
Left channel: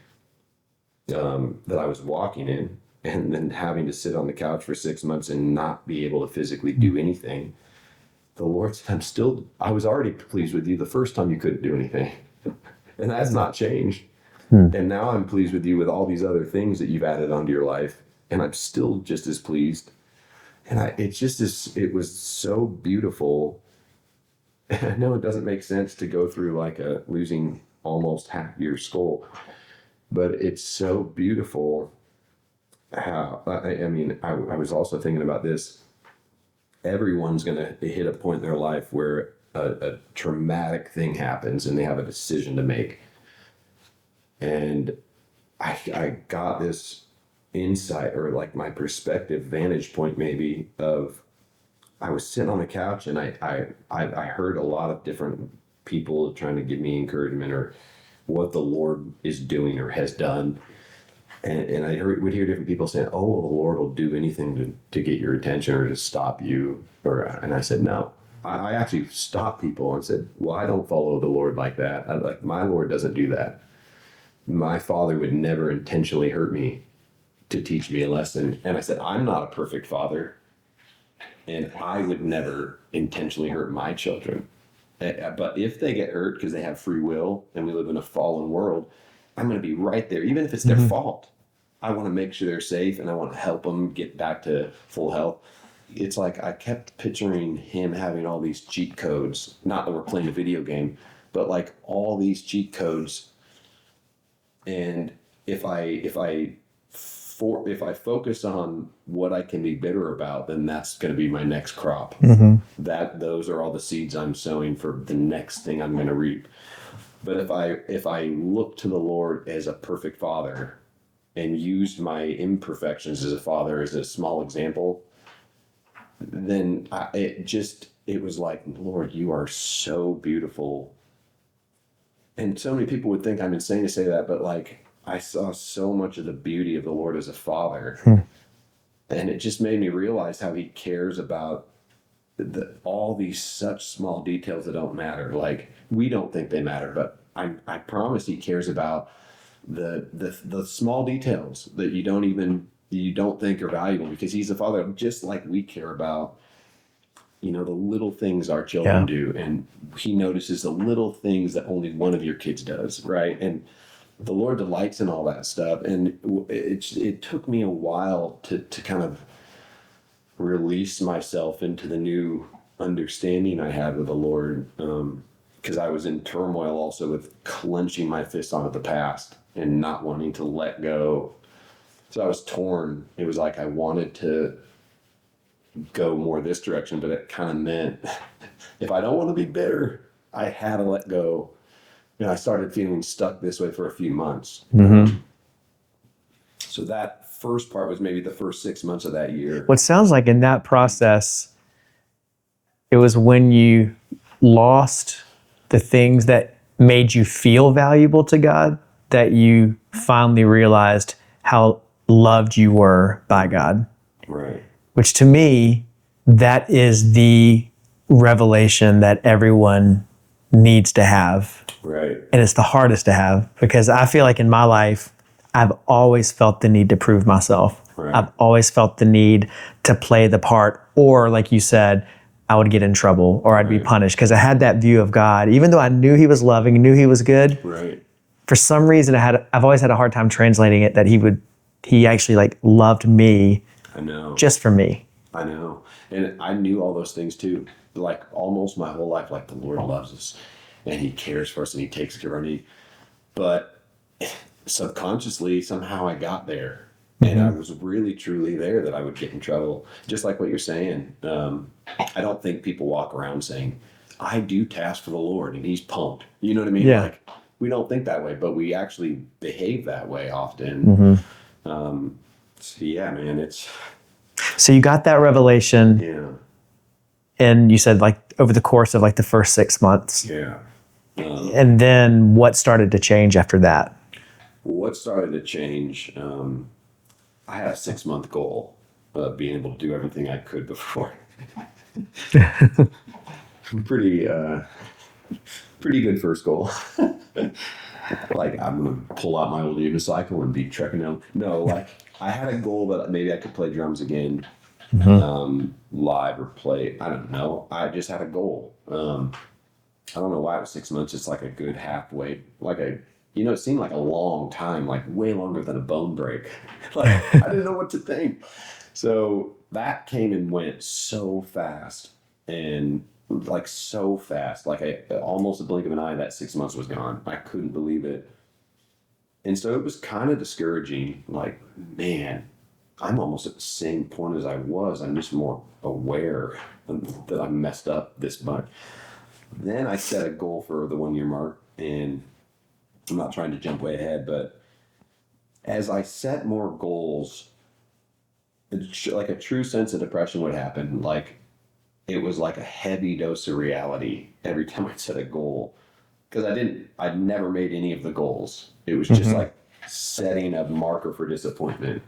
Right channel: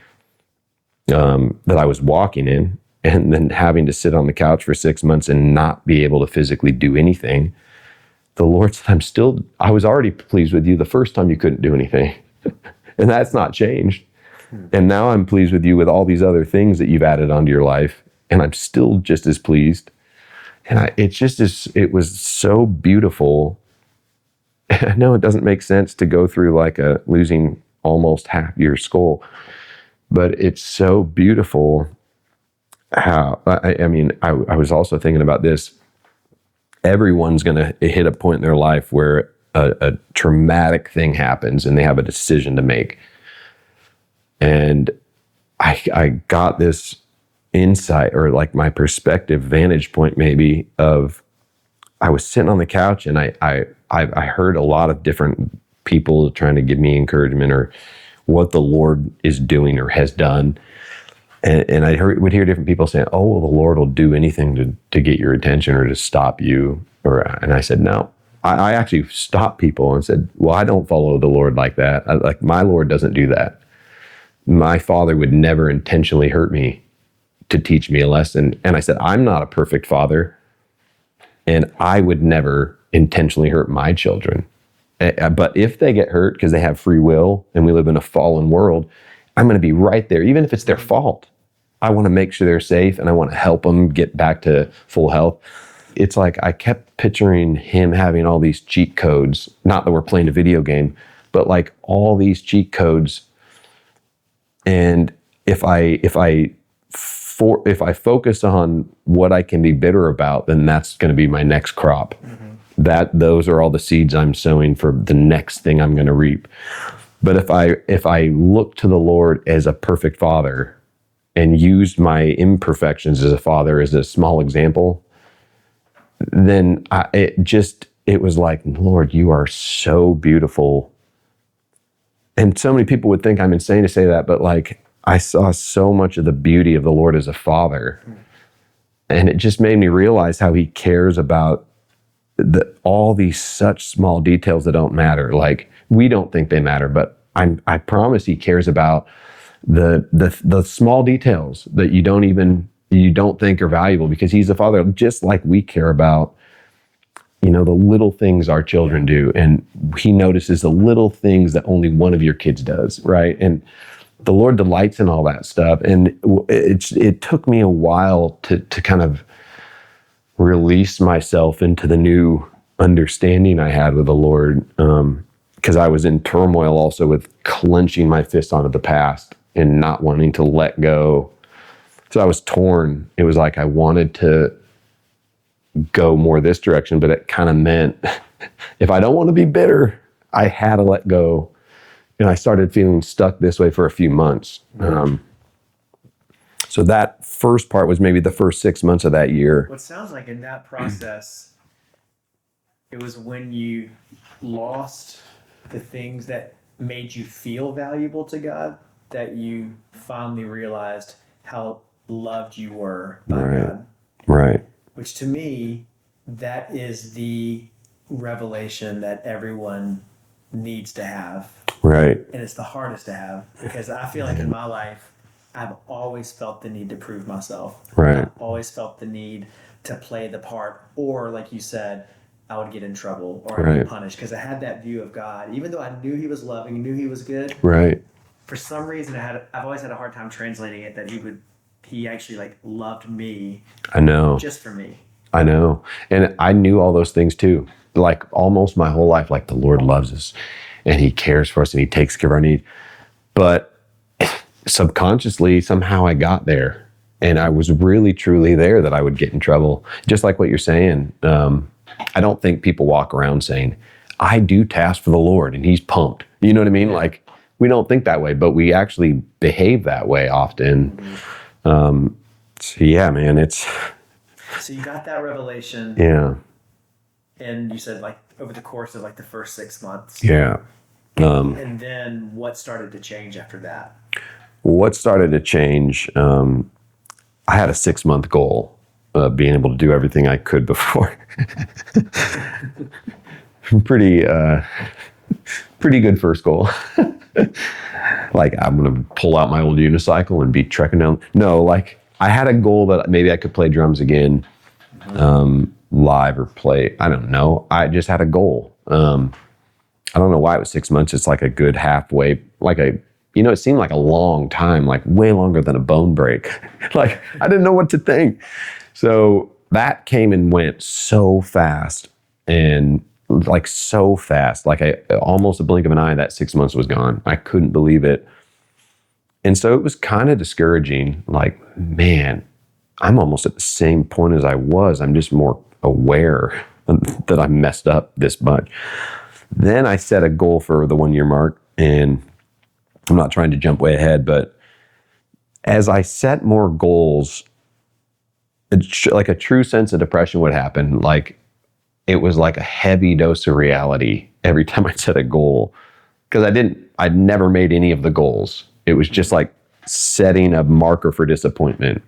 that I was walking in. And then having to sit on the couch for 6 months and not be able to physically do anything. The Lord said, I was already pleased with you the first time you couldn't do anything. And that's not changed. And now I'm pleased with you with all these other things that you've added onto your life. And I'm still just as pleased. And it was so beautiful. I know it doesn't make sense to go through like losing almost half your skull, but it's so beautiful how, I was also thinking about this. Everyone's going to hit a point in their life where a traumatic thing happens and they have a decision to make. And I got this insight, or like my perspective, vantage point maybe, of I was sitting on the couch and I heard a lot of different people trying to give me encouragement or what the Lord is doing or has done. And I would hear different people saying, oh, well, the Lord will do anything to get your attention or to stop you. And I said, no. I actually stopped people and said, well, I don't follow the Lord like that. Like my Lord doesn't do that. My Father would never intentionally hurt me to teach me a lesson. And I said, I'm not a perfect father, and I would never intentionally hurt my children. But if they get hurt because they have free will and we live in a fallen world, I'm going to be right there, even if it's their fault. I want to make sure they're safe, and I want to help them get back to full health. It's like I kept picturing him having all these cheat codes, not that we're playing a video game, but like all these cheat codes. And if I focus on what I can be bitter about, then that's going to be my next crop. Those are all the seeds I'm sowing for the next thing I'm going to reap. But if I look to the Lord as a perfect father and used my imperfections as a father as a small example, then it was like, Lord, you are so beautiful. And so many people would think I'm insane to say that, but like I saw so much of the beauty of the Lord as a father. And it just made me realize how he cares about all these such small details that don't matter. Like we don't think they matter, but I promise he cares about the small details that you don't think are valuable, because he's a father, just like we care about, the little things our children do. And he notices the little things that only one of your kids does, right? And the Lord delights in all that stuff. And it took me a while to kind of release myself into the new understanding I had with the Lord, because I was in turmoil also with clenching my fists onto the past and not wanting to let go. So I was torn. It was like I wanted to go more this direction, but it kind of meant if I don't want to be bitter, I had to let go. And I started feeling stuck this way for a few months. So that first part was maybe the first 6 months of that year. What sounds like in that process, it was when you lost the things that made you feel valuable to God that you finally realized how loved you were by God. Right. Which to me, that is the revelation that everyone needs to have. Right. And it's the hardest to have, because I feel like in my life, I've always felt the need to prove myself. Right. I've always felt the need to play the part, or like you said, I would get in trouble or I'd be punished, because I had that view of God. Even though I knew he was loving, knew he was good. Right. For some reason, I've always had a hard time translating it that he actually like loved me. I know. Just for me. I know. And I knew all those things too. Like almost my whole life, like the Lord loves us and he cares for us and he takes care of our need. But subconsciously, somehow I got there. And I was really, truly there that I would get in trouble. Just like what you're saying. I don't think people walk around saying, I do tasks for the Lord and he's pumped. You know what I mean? Yeah. Like we don't think that way, but we actually behave that way often. So yeah, man, So you got that revelation. Yeah. And you said like over the course of like the first 6 months. Yeah. And then what started to change after that? What started to change, I had a 6-month goal of being able to do everything I could before. Pretty good first goal. Like I'm going to pull out my old unicycle and be trekking down. No, like I had a goal that maybe I could play drums again, live or play. I don't know. I just had a goal. I don't know why it was 6 months. It's like a good halfway, it seemed like a long time, like way longer than a bone break. Like I didn't know what to think. So that came and went so fast, and like so fast, like almost a blink of an eye, that 6 months was gone. I couldn't believe it. And so it was kind of discouraging. Like, man, I'm almost at the same point as I was. I'm just more aware that I messed up this much. Then I set a goal for the 1 year mark, and I'm not trying to jump way ahead, but as I set more goals, like a true sense of depression would happen. Like it was like a heavy dose of reality every time I set a goal. because I'd never made any of the goals. It was just like setting a marker for disappointment.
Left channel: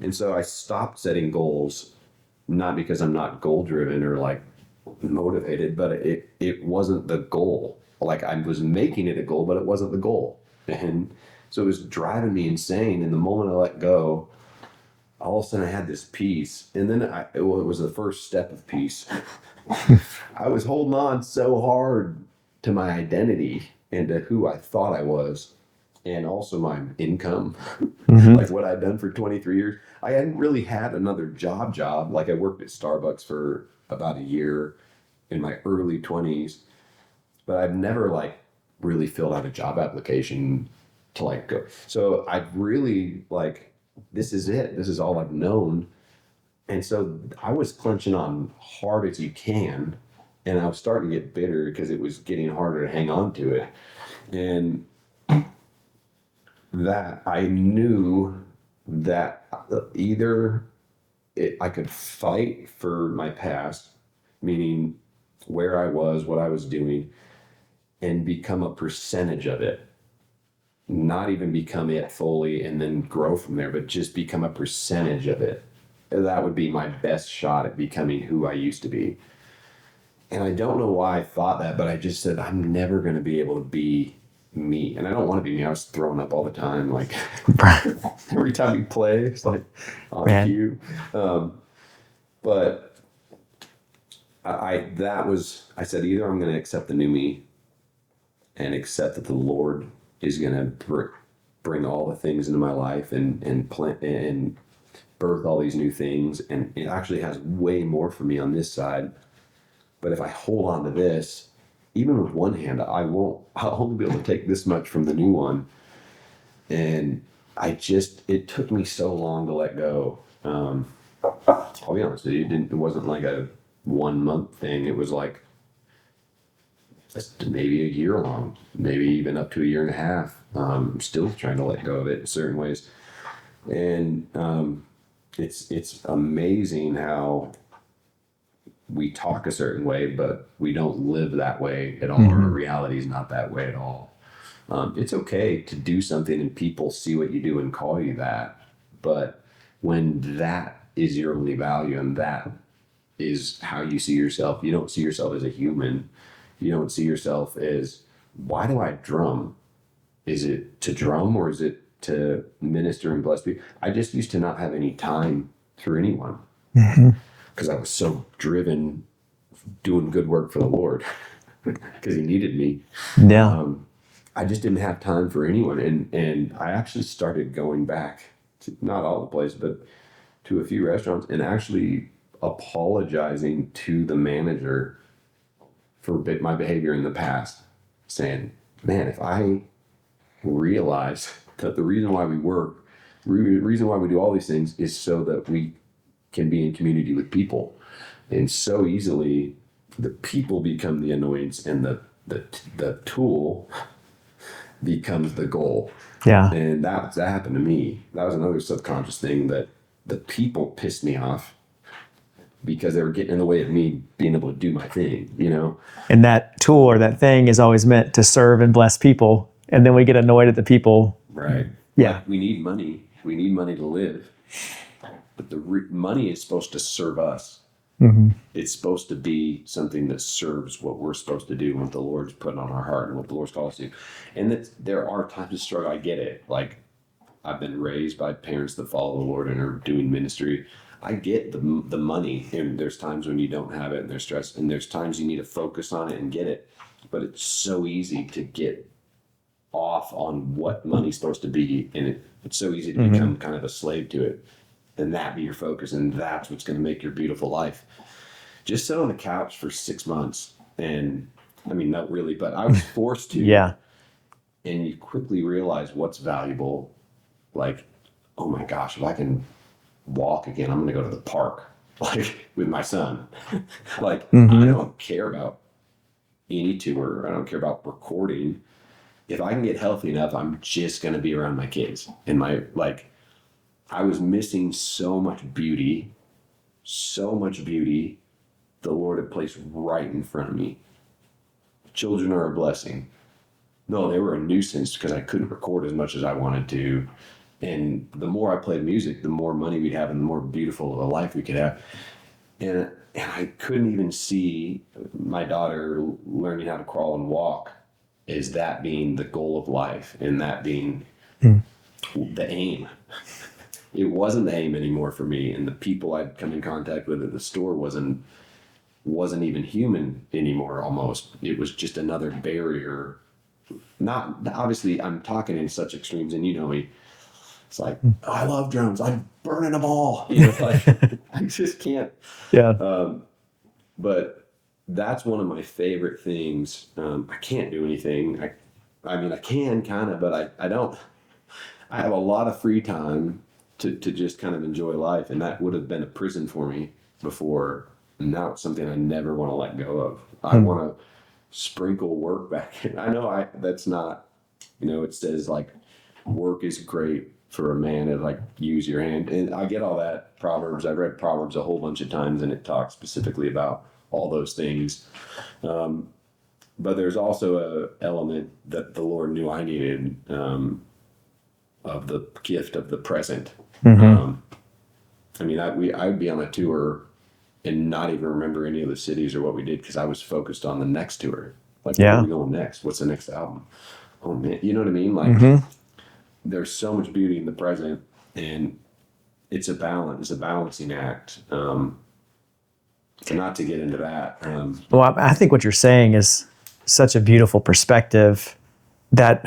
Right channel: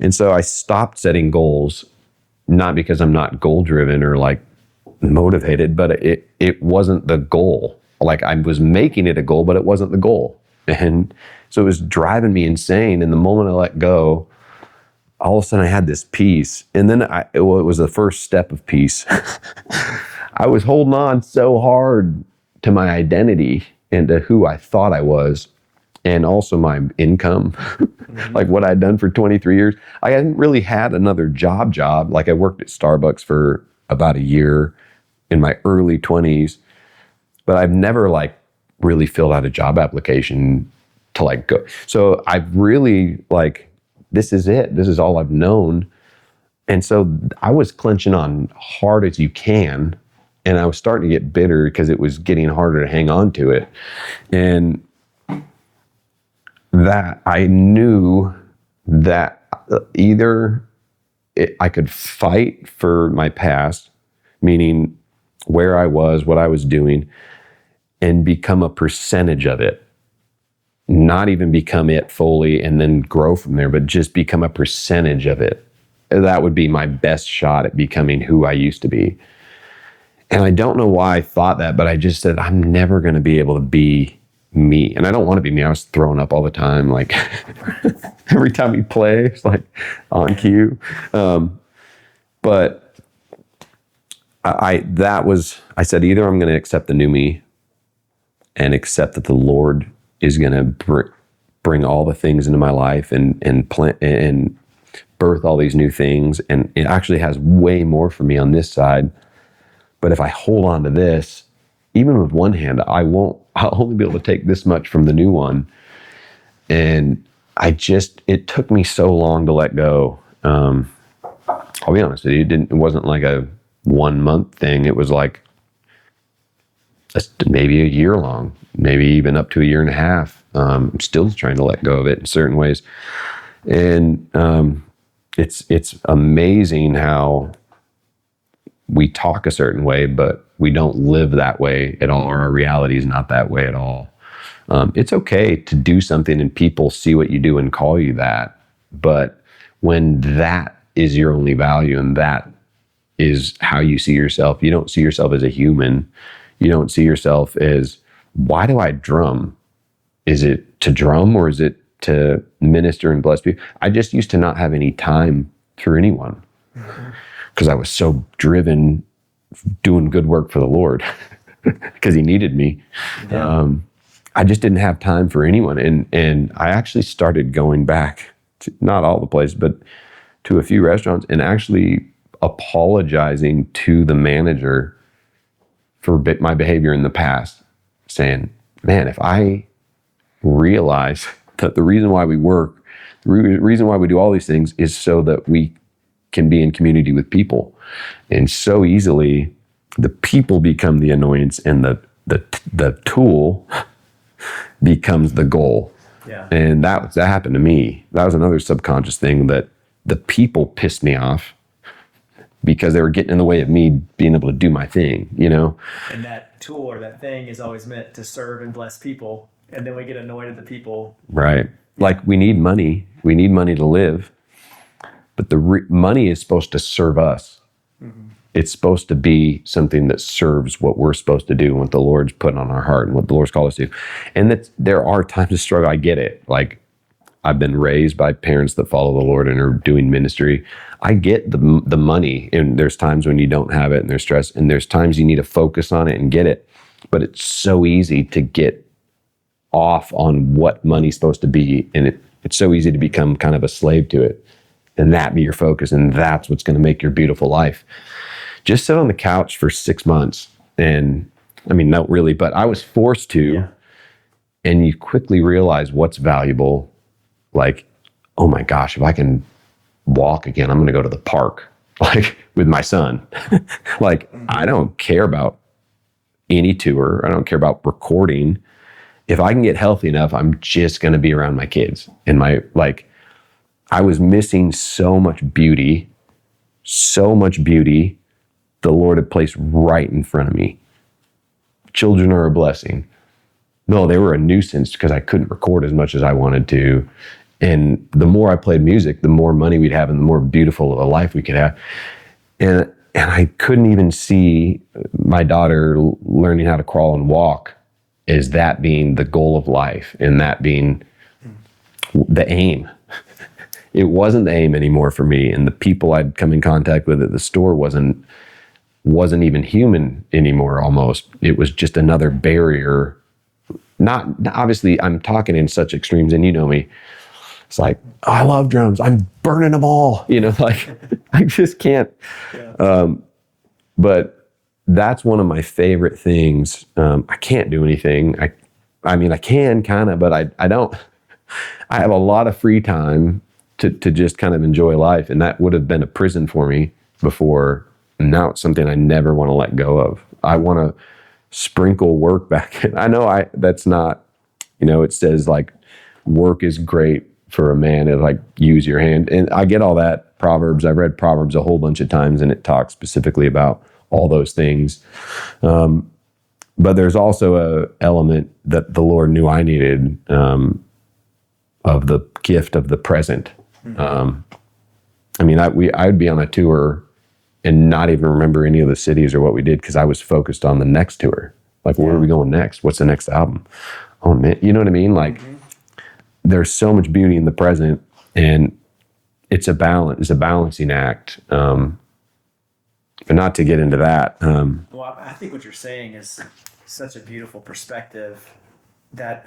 And so I stopped setting goals, not because I'm not goal driven or like motivated, but it wasn't the goal. Like I was making it a goal, but it wasn't the goal. And so it was driving me insane. And the moment I let go, all of a sudden I had this peace. And then it was the first step of peace. I was holding on so hard to my identity and to who I thought I was, and also my income, like what I'd done for 23 years. I hadn't really had another job. Like I worked at Starbucks for about a year in my early 20s, but I've never like really filled out a job application to like go. So I've really like, this is it. This is all I've known. And so I was clenching on hard as you can. And I was starting to get bitter because it was getting harder to hang on to it. And that I knew that either I could fight for my past, meaning where I was, what I was doing, and become a percentage of it. Not even become it fully and then grow from there, but just become a percentage of it. That would be my best shot at becoming who I used to be. And I don't know why I thought that, but I just said, I'm never going to be able to be me. And I don't want to be me. I was throwing up all the time. Like every time we play, it's like on cue. But I said, either I'm going to accept the new me and accept that the Lord is going to bring all the things into my life and plant and birth all these new things. And it actually has way more for me on this side. But if I hold on to this, even with one hand, I'll only be able to take this much from the new one. And it took me so long to let go. I'll be honest with you, it wasn't like a 1 month thing. It was like maybe a year long, maybe even up to a year and a half. I'm still trying to let go of it in certain ways. And it's amazing how we talk a certain way, but we don't live that way at all, or our reality is not that way at all. It's okay to do something and people see what you do and call you that. But when that is your only value and that is how you see yourself, you don't see yourself as a human. You don't see yourself as, why do I drum? Is it to drum or is it to minister and bless people? I just used to not have any time for anyone because I was so driven doing good work for the Lord because he needed me. Yeah. I just didn't have time for anyone. And I actually started going back to, not all the places, but to a few restaurants and actually apologizing to the manager for my behavior in the past, saying, man, if I realize that the reason why we work, the reason why we do all these things is so that we can be in community with people. And so easily the people become the annoyance and the tool becomes the goal. Yeah. And that happened to me. That was another subconscious thing, that the people pissed me off because they were getting in the way of me being able to do my thing, you know? And that tool or that thing is always meant to serve and bless people. And then we get annoyed at the people. Right. Yeah. Like we need money. We need money to live. But the money is supposed to serve us. It's supposed to be something that serves what we're supposed to do, what the Lord's put on our heart and what the Lord's called us to. And that there are times of struggle. I get it. Like I've been raised by parents that follow the Lord and are doing ministry. I get the money, and there's times when you don't have it and there's stress, and there's times you need to focus on it and get it. But it's so easy to get off on what money's supposed to be. And it's so easy to become kind of a slave to it. And that be your focus. And that's what's going to make your beautiful life. Just sit on the couch for 6 months. And I mean, not really, but I was forced to. Yeah. And you quickly realize what's valuable. Like, oh my gosh, if I can walk again, I'm going to go to the park, like with my son. Like, I don't care about any tour. I don't care about recording. If I can get healthy enough, I'm just going to be around my kids and I was missing so much beauty the Lord had placed right in front of me. Children are a blessing. No, they were a nuisance because I couldn't record as much as I wanted to. And the more I played music, the more money we'd have and the more beautiful of a life we could have. And I couldn't even see my daughter learning how to crawl and walk as that being the goal of life and that being the aim. It wasn't the aim anymore for me. And the people I'd come in contact with at the store wasn't even human anymore almost. It was just another barrier. Not obviously I'm talking in such extremes, and you know me. It's like, oh, I love drums. I'm burning them all. You know, like I just can't. Yeah. But that's one of my favorite things. I can't do anything. I mean, I can kind of, but I don't. I have a lot of free time to just kind of enjoy life. And that would have been a prison for me before. Now it's something I never want to let go of. I want to sprinkle work back in. I know that's not, you know, it says like work is great for a man to like use your hand. And I get all that. Proverbs, I've read Proverbs a whole bunch of times and it talks specifically about all those things. But there's also a element that the Lord knew I needed of the gift of the present. I mean, I'd be on a tour and not even remember any of the cities or what we did because I was focused on the next tour. Like, where are we going next? What's the next album? Oh man, you know what I mean? Like, there's so much beauty in the present, and it's a balancing act. And not to get into that. Well, I think what you're saying is such a beautiful perspective that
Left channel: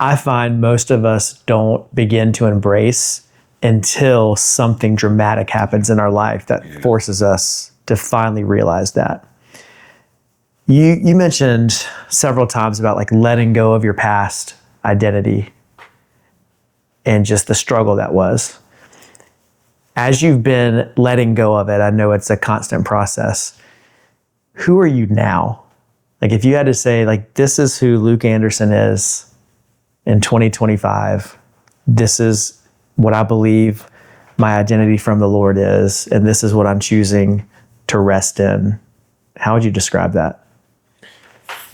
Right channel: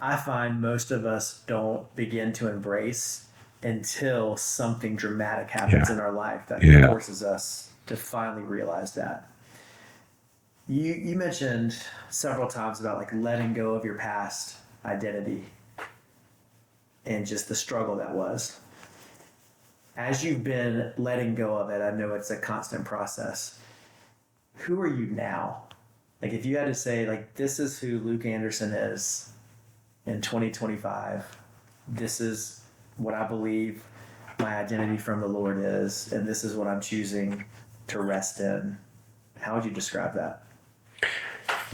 I find most of us don't begin to embrace until something dramatic happens in our life that forces us to finally realize that. You mentioned several times about like letting go of your past identity and just the struggle that was. As you've been letting go of it, I know it's a constant process. Who are you now? Like if you had to say like, this is who Luke Anderson is in 2025, this is what I believe my identity from the Lord is, and this is what I'm choosing to rest in. How would you describe that?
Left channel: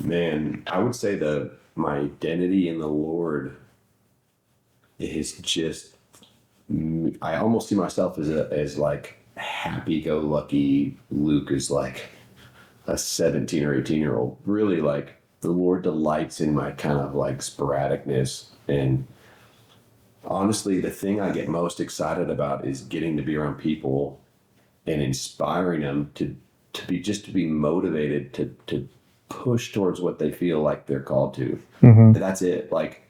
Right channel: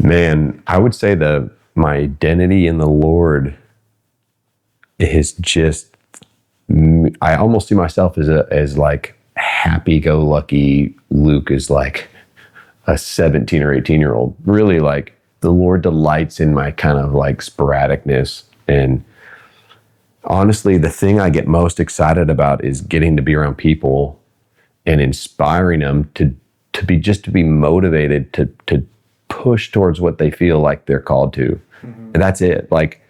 Man, I would say that my identity in the Lord is just, I almost see myself as like happy-go-lucky. Luke is like a 17 or 18-year-old. Really, like the Lord delights in my kind of like sporadicness. And honestly, the thing I get most excited about is getting to be around people and inspiring them to be motivated to push towards what they feel like they're called to. And that's it. Like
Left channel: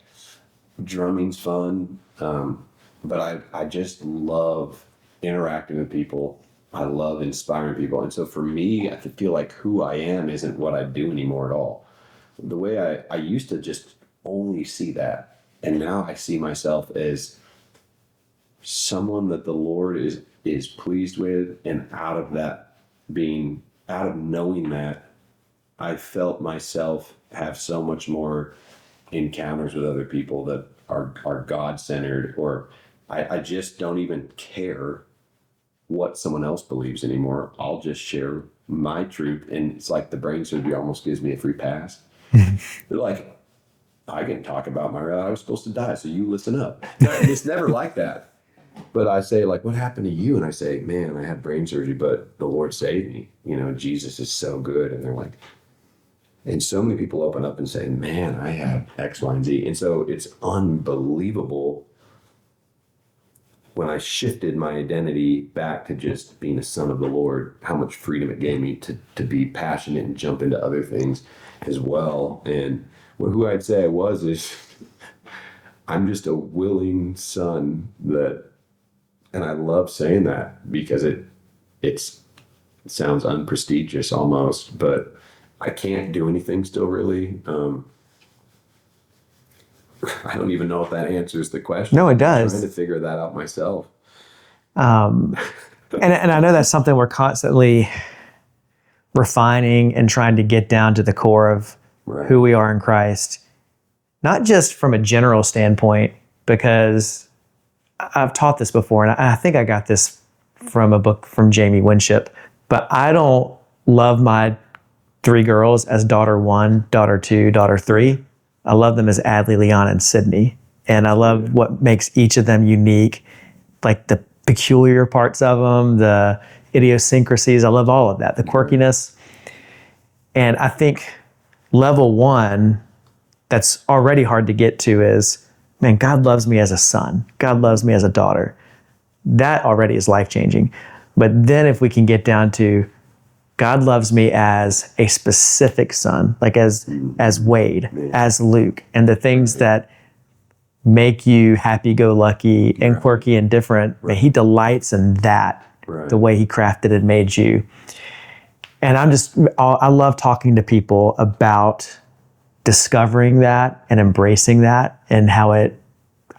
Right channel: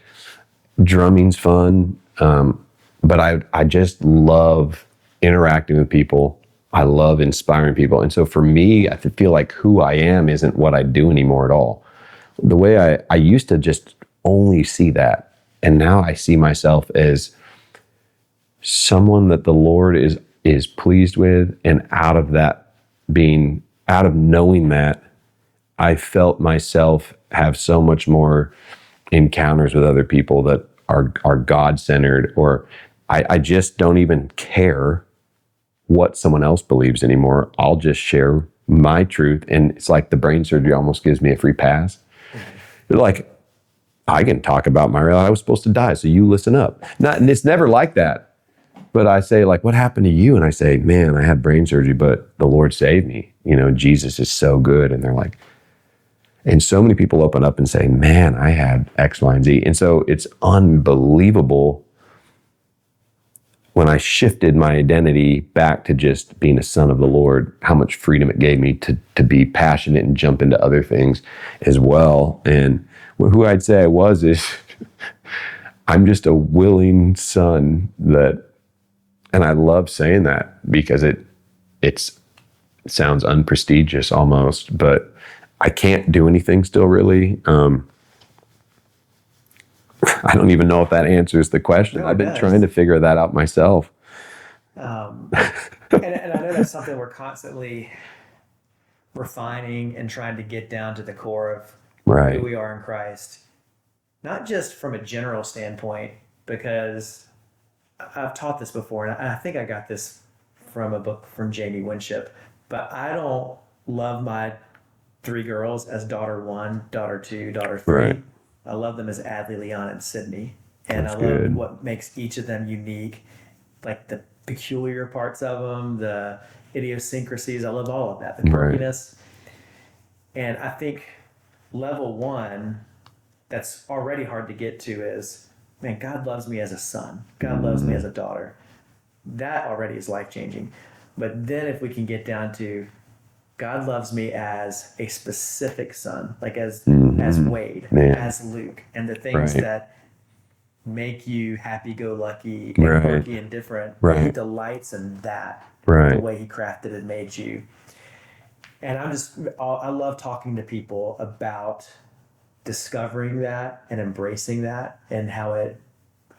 drumming's fun. But I just love interacting with people. I love inspiring people. And so for me, I feel like who I am isn't what I do anymore at all. The way I used to just only see that. And now I see myself as someone that the Lord is pleased with. And out of knowing that, I felt myself have so much more encounters with other people that are God-centered, or I just don't even care what someone else believes anymore. I'll just share my truth. And it's like the brain surgery almost gives me a free pass. They're like, I can talk about I was supposed to die, so you listen up. It's never like that. But I say, like, what happened to you? And I say, man, I had brain surgery, but the Lord saved me. You know, Jesus is so good. And they're like, and so many people open up and say, man, I had X, Y, and Z. And so it's unbelievable when I shifted my identity back to just being a son of the Lord, how much freedom it gave me to be passionate and jump into other things as well. And who I'd say I was is I'm just a willing son and I love saying that because it sounds unprestigious almost, but I can't do anything still really. I don't even know if that answers the question. No, it does. I've been trying to figure that out myself. And I know that's something we're constantly refining and trying to get down to the core of who we are in Christ. Not just from a general standpoint, because I've taught this before, and I think I got this from a book from Jamie Winship, but I don't love my 3 girls as daughter 1, daughter 2, daughter 3. I love them as Adley, Leon, and Sydney. And I love good. what makes each of them unique, like the peculiar parts of them, the idiosyncrasies. I love all of that, the quirkiness. And I think level one that's already hard to get to is, man, God loves me as a son. God loves me as a daughter. That already is life-changing. But then if we can get down to God loves me as a specific son, like as Wade, as Luke, and the things that make you happy-go-lucky and quirky and different, and he delights in that, the way he crafted and made you. And I love talking to people about discovering that and embracing that, and how it,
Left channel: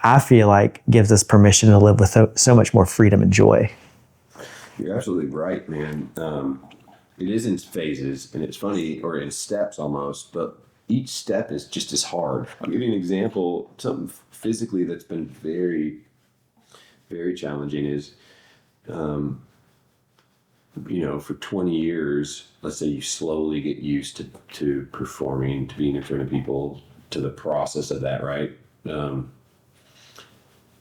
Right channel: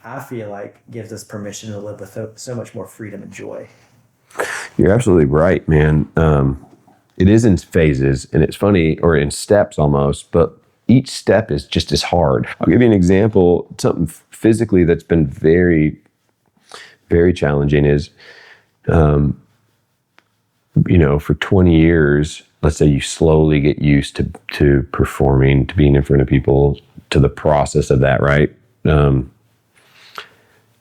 I feel like, gives us permission to live with so much more freedom and joy. You're absolutely right, man. It is in phases, and it's funny, or in steps almost, but each step is just as hard. I'll give you an example. Something physically that's been very, very challenging is, for 20 years, let's say you slowly get used to performing, to being in front of people, to the process of that, right? To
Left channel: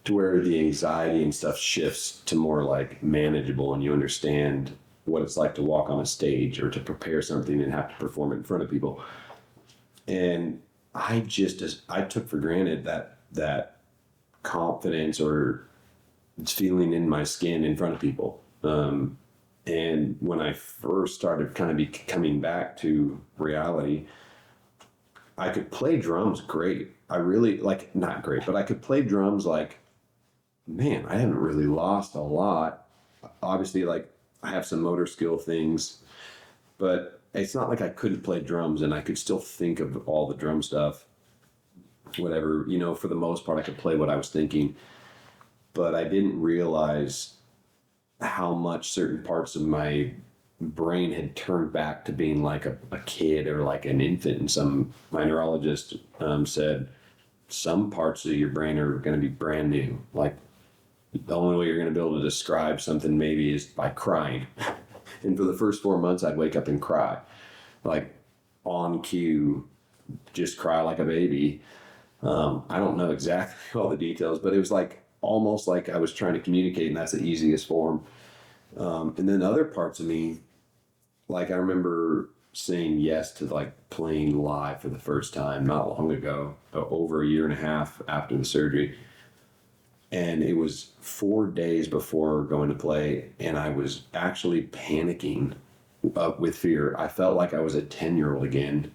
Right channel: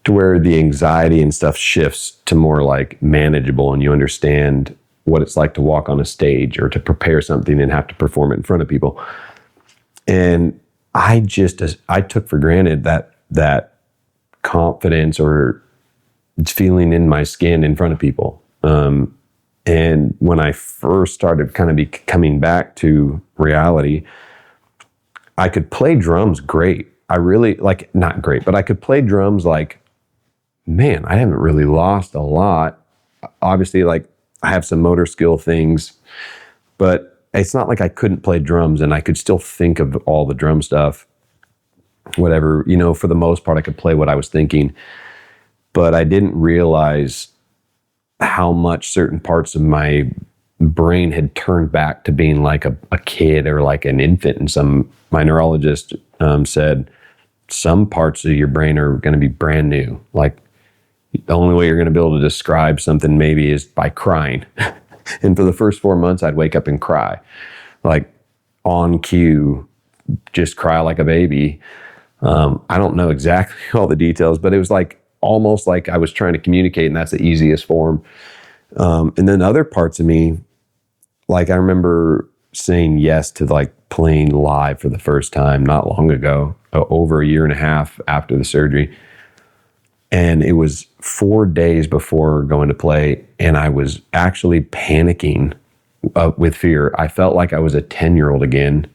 where the anxiety and stuff shifts to more like manageable, and you understand what it's like to walk on a stage or to prepare something and have to perform it in front of people. And I took for granted that confidence or feeling in my skin in front of people. And when I first started kind of coming back to reality, I could play drums great. I really, like, not great, but I could play drums like, man, I haven't really lost a lot. Obviously, like, I have some motor skill things, but it's not like I couldn't play drums, and I could still think of all the drum stuff, whatever, for the most part, I could play what I was thinking, but I didn't realize how much certain parts of my brain had turned back to being like a kid or like an infant. And my neurologist said, some parts of your brain are going to be brand new. Like, the only way you're going to be able to describe something maybe is by crying. And for the first 4 months, I'd wake up and cry, like on cue, just cry like a baby. I don't know exactly all the details, but it was like almost like I was trying to communicate, and that's the easiest form. And then other parts of me, like I remember saying yes to like playing live for the first time not long ago, over a year and a half after the surgery. And it was 4 days before going to play, and I was actually panicking with fear. I felt like I was a 10-year-old again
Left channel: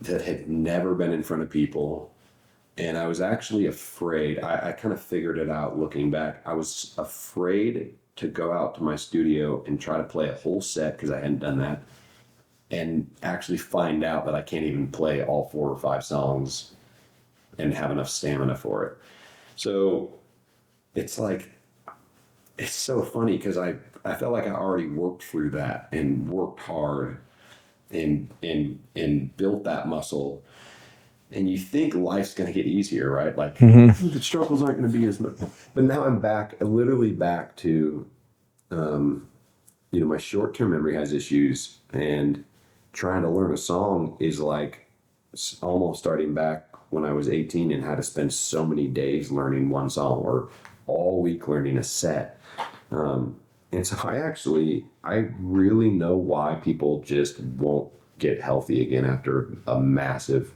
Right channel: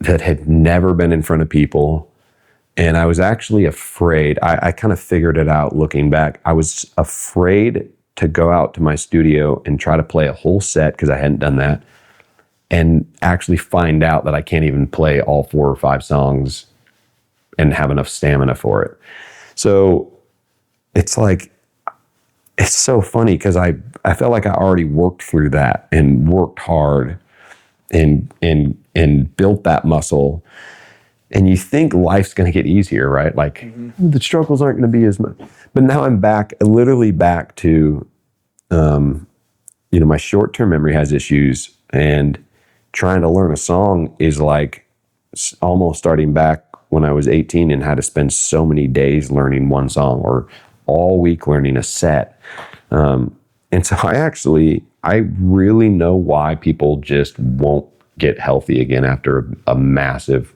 that had never been in front of people. And I was actually afraid. I kind of figured it out looking back. I was afraid to go out to my studio and try to play a whole set, because I hadn't done that, and actually find out that I can't even play all 4 or 5 songs and have enough stamina for it. So it's like, it's so funny, because I felt like I already worked through that and worked hard and built that muscle. And you think life's going to get easier, right? Like, the struggles aren't going to be as much. But now I'm literally back to, my short-term memory has issues, and trying to learn a song is like almost starting back when I was 18 and had to spend so many days learning one song, or all week learning a set. And so I really know why people just won't get healthy again after a massive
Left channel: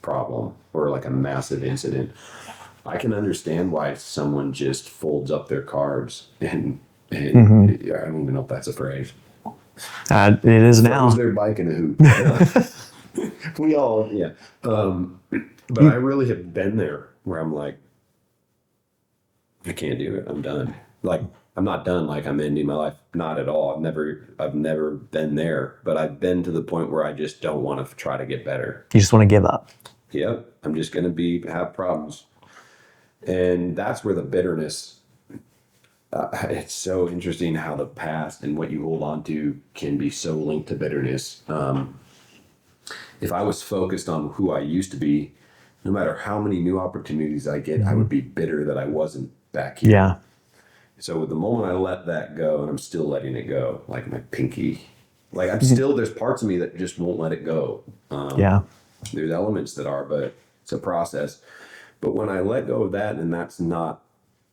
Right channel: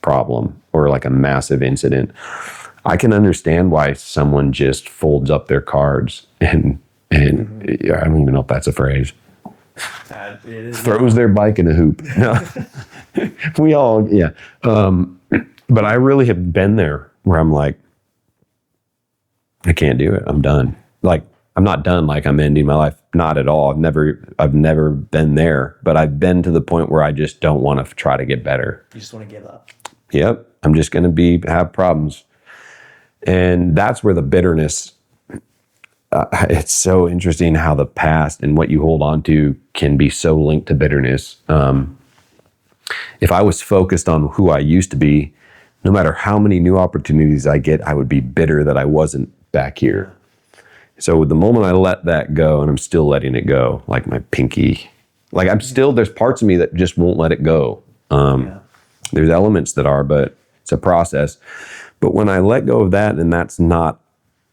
problem or like a massive incident. I can understand why someone just folds up their cards and I don't even know if that's a phrase. It is now. Throws their bike in a hoop. We all, yeah. But I really have been there where I'm like, I can't do it. I'm done. Like, I'm not done like I'm ending my life. Not at all. I've never been there, but I've been to the point where I just don't want to try to get better. You just want to give up. Yep. I'm just going to have problems. And that's where the bitterness, it's so interesting how the past and what you hold on to can be so linked to bitterness. If I was focused on who I used to be, no matter how many new opportunities I get, I would be bitter that I wasn't back here. Yeah. So the moment I let that go, and I'm still letting it go, like my pinky, like there's parts of me that just won't let it go. Yeah. There's elements that are, but it's a process. But when I let go of that, and that's not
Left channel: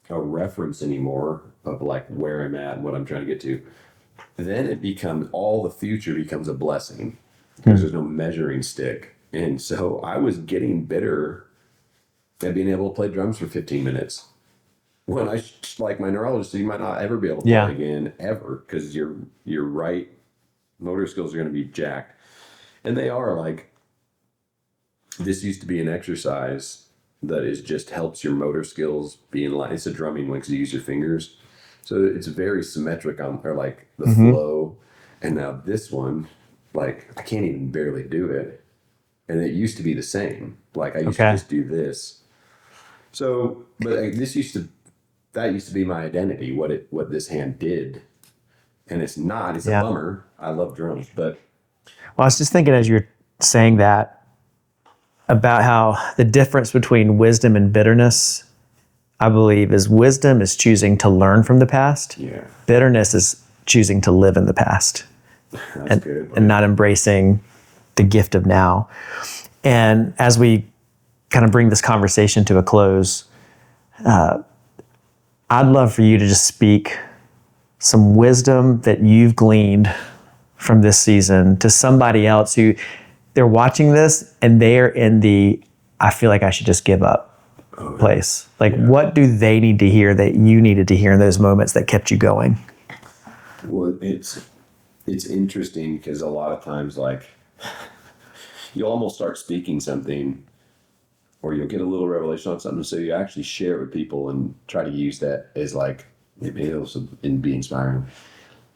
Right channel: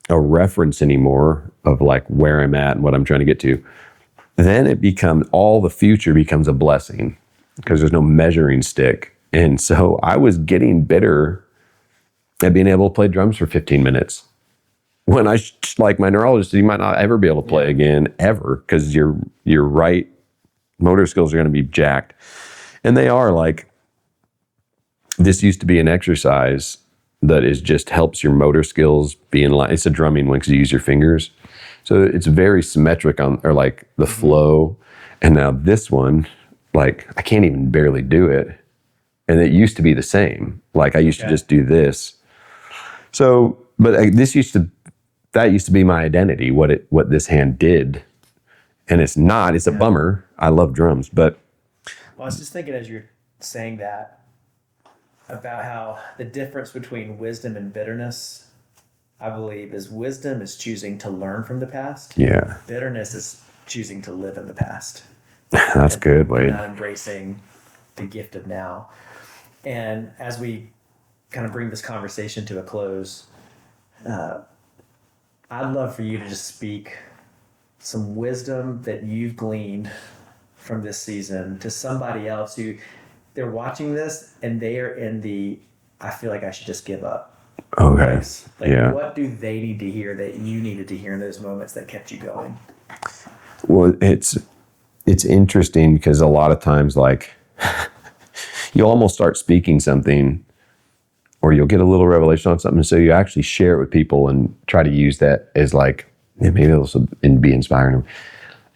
a reference anymore of like where I'm at and what I'm trying to get to, then it becomes, all the future becomes a blessing because there's no measuring stick. And so I was getting bitter at being able to play drums for 15 minutes. When like my neurologist said, you might not ever be able to play again, ever, because your right motor skills are going to be jacked. And they are. Like, this used to be an exercise that is just helps your motor skills be in line. It's a drumming one because you use your fingers. So it's very symmetric on, or like the flow. And now this one, like I can't even barely do it. And it used to be the same. Like I used to just do this. So, but that used to be my identity, what this hand did. And it's not, it's a bummer. I love drums, but. Well, I was just thinking as you're saying that about how the difference between wisdom and bitterness, I believe, is wisdom is choosing to learn from the past. Yeah. Bitterness is choosing to live in the past. That's good. Wade. And not embracing the gift of now. And as we kind of bring this conversation to a close, I'd love for you to just speak some wisdom that you've gleaned from this season to somebody else who they're watching this and they're in the, I feel like I should just give up place. Like, what do they need to hear that you needed to hear in those moments that kept you going? Well, it's interesting because a lot of times, like, you'll almost start speaking something or you'll get a little revelation on something. So you actually share it with people and try to use that as like, maybe it'll be inspiring.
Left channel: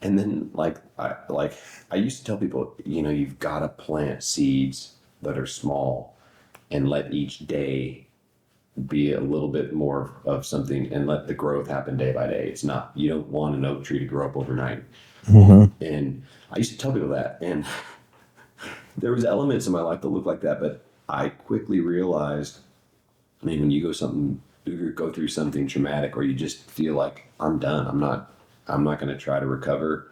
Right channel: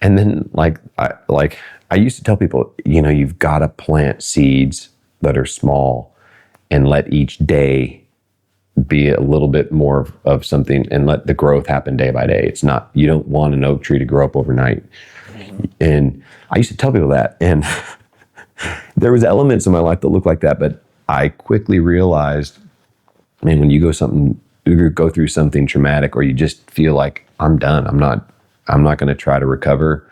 And then I used to tell people, you've got to plant seeds that are small and let each day be a little bit more of something and let the growth happen day by day. It's not, you don't want an oak tree to grow up overnight. And I used to tell people that, and there was elements in my life that looked like that, but I quickly realized, man, when you go through something traumatic or you just feel like I'm done, I'm not going to try to recover.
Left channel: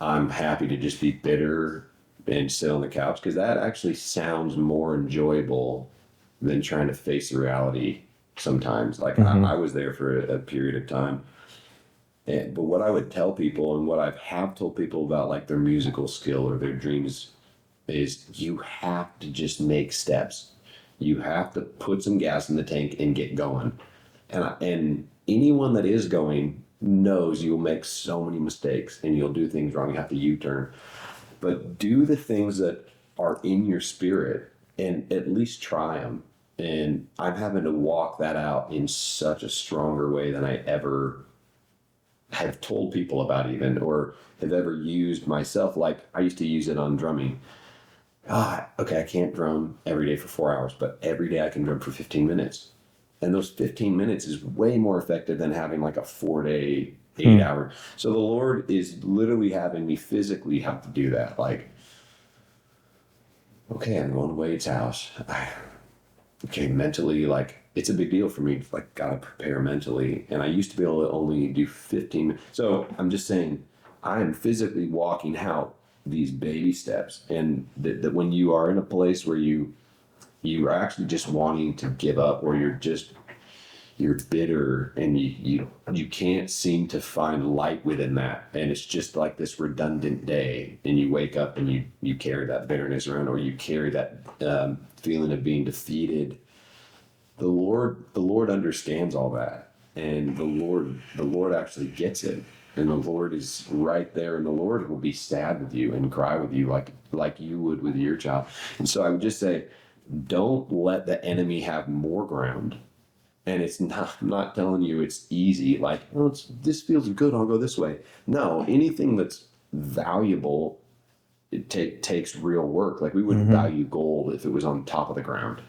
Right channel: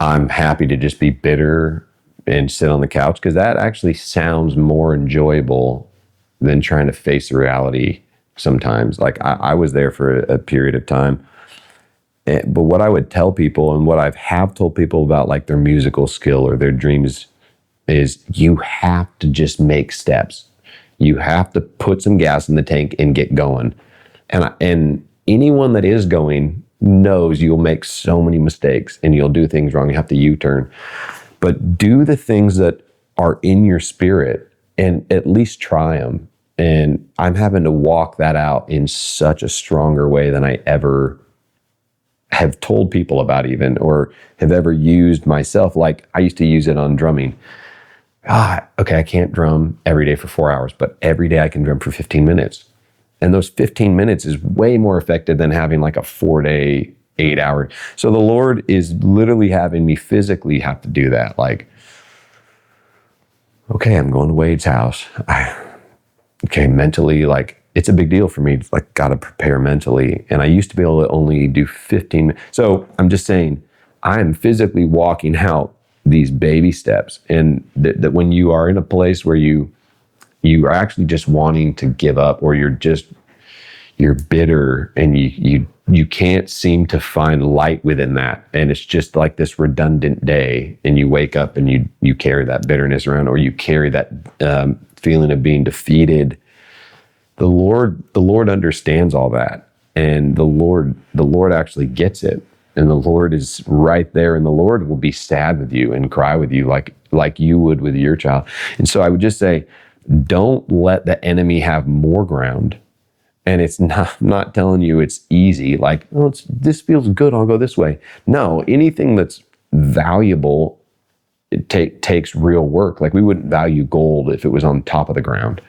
I'm happy to just be bitter and sit on the couch, because that actually sounds more enjoyable than trying to face the reality sometimes. Like I was there for a period of time. But what I would tell people, and what I have told people about like their musical skill or their dreams, is you have to just make steps. You have to put some gas in the tank and get going. And anyone that is going knows you'll make so many mistakes and you'll do things wrong. You have to U-turn. But do the things that are in your spirit and at least try them. And I'm having to walk that out in such a stronger way than I ever have told people about even, or have ever used myself. Like I used to use it on drumming. Okay, I can't drum every day for 4 hours, but every day I can drum for 15 minutes. And those 15 minutes is way more effective than having like a 4-day, 8-hour. So the Lord is literally having me physically have to do that. Like, okay, I'm going to Wade's house. Okay, mentally, like, it's a big deal for me. Like, got to prepare mentally. And I used to be able to only do 15 minutes. So I'm just saying, I'm physically walking out these baby steps. And that when you are in a place where you are actually just wanting to give up, or you're bitter and you can't seem to find light within that. And it's just like this redundant day, and you wake up and you carry that bitterness around, or you carry that feeling of being defeated. The Lord understands all that. And the Lord actually gets it. And the Lord is right there, and the Lord will be sad with you and cry with you like you would with your child. And so I would just say, don't let the enemy have more ground. And it's not telling you it's easy. Like, well, this feels good, I'll go this way. No, anything that's valuable, it takes real work. Like we wouldn't value gold if it was on top of the ground.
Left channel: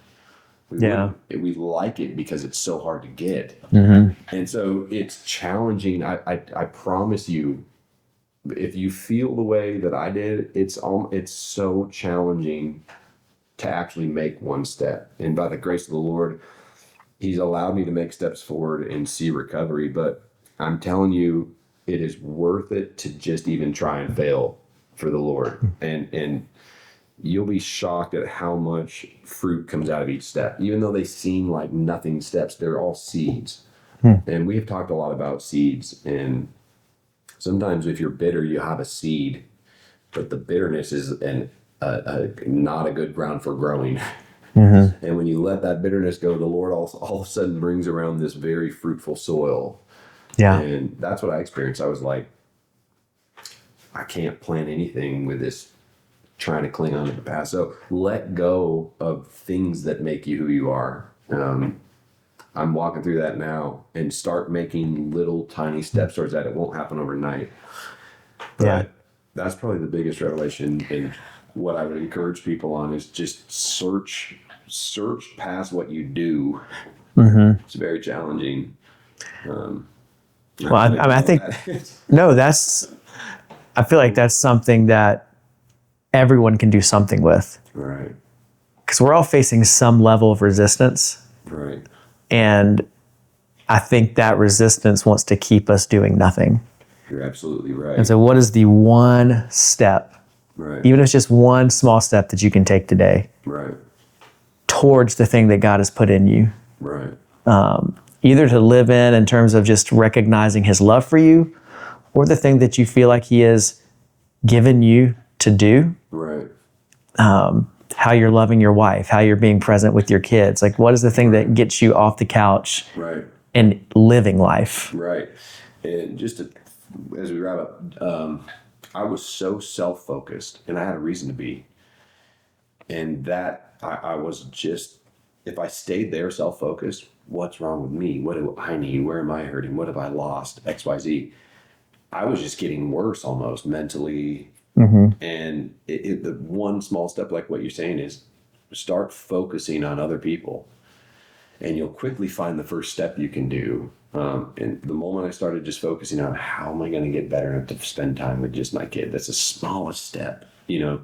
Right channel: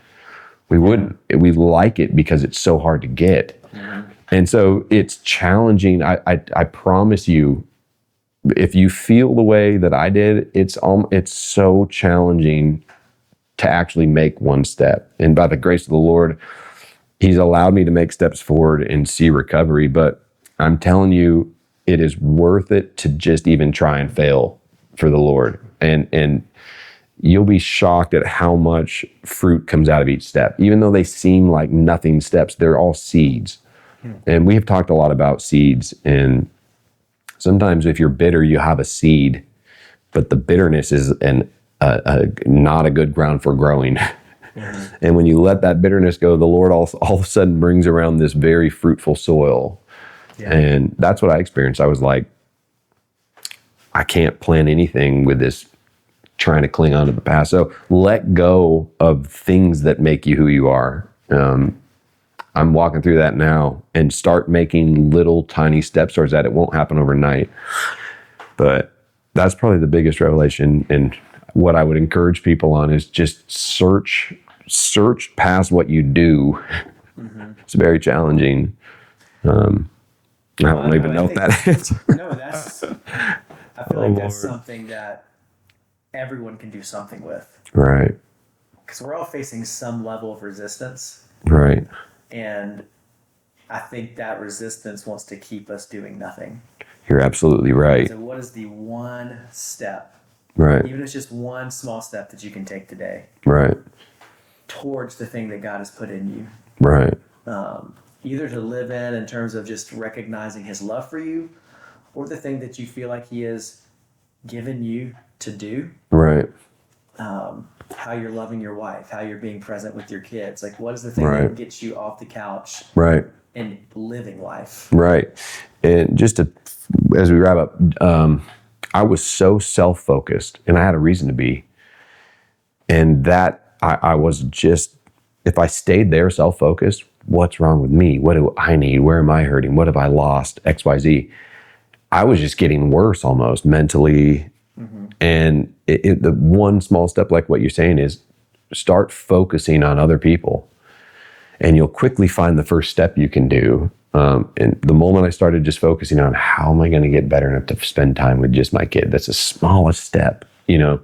We wouldn't. We like it because it's so hard to get. And so it's challenging. I promise you, if you feel the way that I did, it's so challenging to actually make one step. And by the grace of the Lord, He's allowed me to make steps forward and see recovery. But I'm telling you, it is worth it to just even try and fail for the Lord. And you'll be shocked at how much fruit comes out of each step. Even though they seem like nothing steps, they're all seeds. And we have talked a lot about seeds. And sometimes if you're bitter, you have a seed, but the bitterness is not a good ground for growing. And when you let that bitterness go, the Lord all of a sudden brings around this very fruitful soil. Yeah. And that's what I experienced. I was like, I can't plant anything with this trying to cling on to the past. So let go of things that make you who you are. I'm walking through that now, and start making little tiny steps towards that. It won't happen overnight, but that's probably the biggest revelation. And what I would encourage people on is just search past what you do. It's very challenging. I think no, I feel like that's something that everyone can do something with. Right. Because we're all facing some level of resistance. Right. And I think that resistance wants to keep us doing nothing. You're absolutely right. And so what is the one step, Right. even if it's just one small step that you can take today Right. towards the thing that God has put in you? Right. Either to live in terms of just recognizing his love for you, or the thing that you feel like he has given you to do. Right. How you're loving your wife, how you're being present with your kids. Like, what is the thing that gets you off the couch Right. and living life? Right. And just as we wrap up, I was so self-focused, and I had a reason to be. And that I was just, if I stayed there self-focused, what's wrong with me? What do I need? Where am I hurting? What have I lost? X, Y, Z. I was just getting worse almost mentally. And the one small step, like what you're saying, is start focusing on other people, and you'll quickly find the first step you can do. And the moment I started just focusing on how am I going to get better enough to spend time with just my kid, that's the smallest step, you know.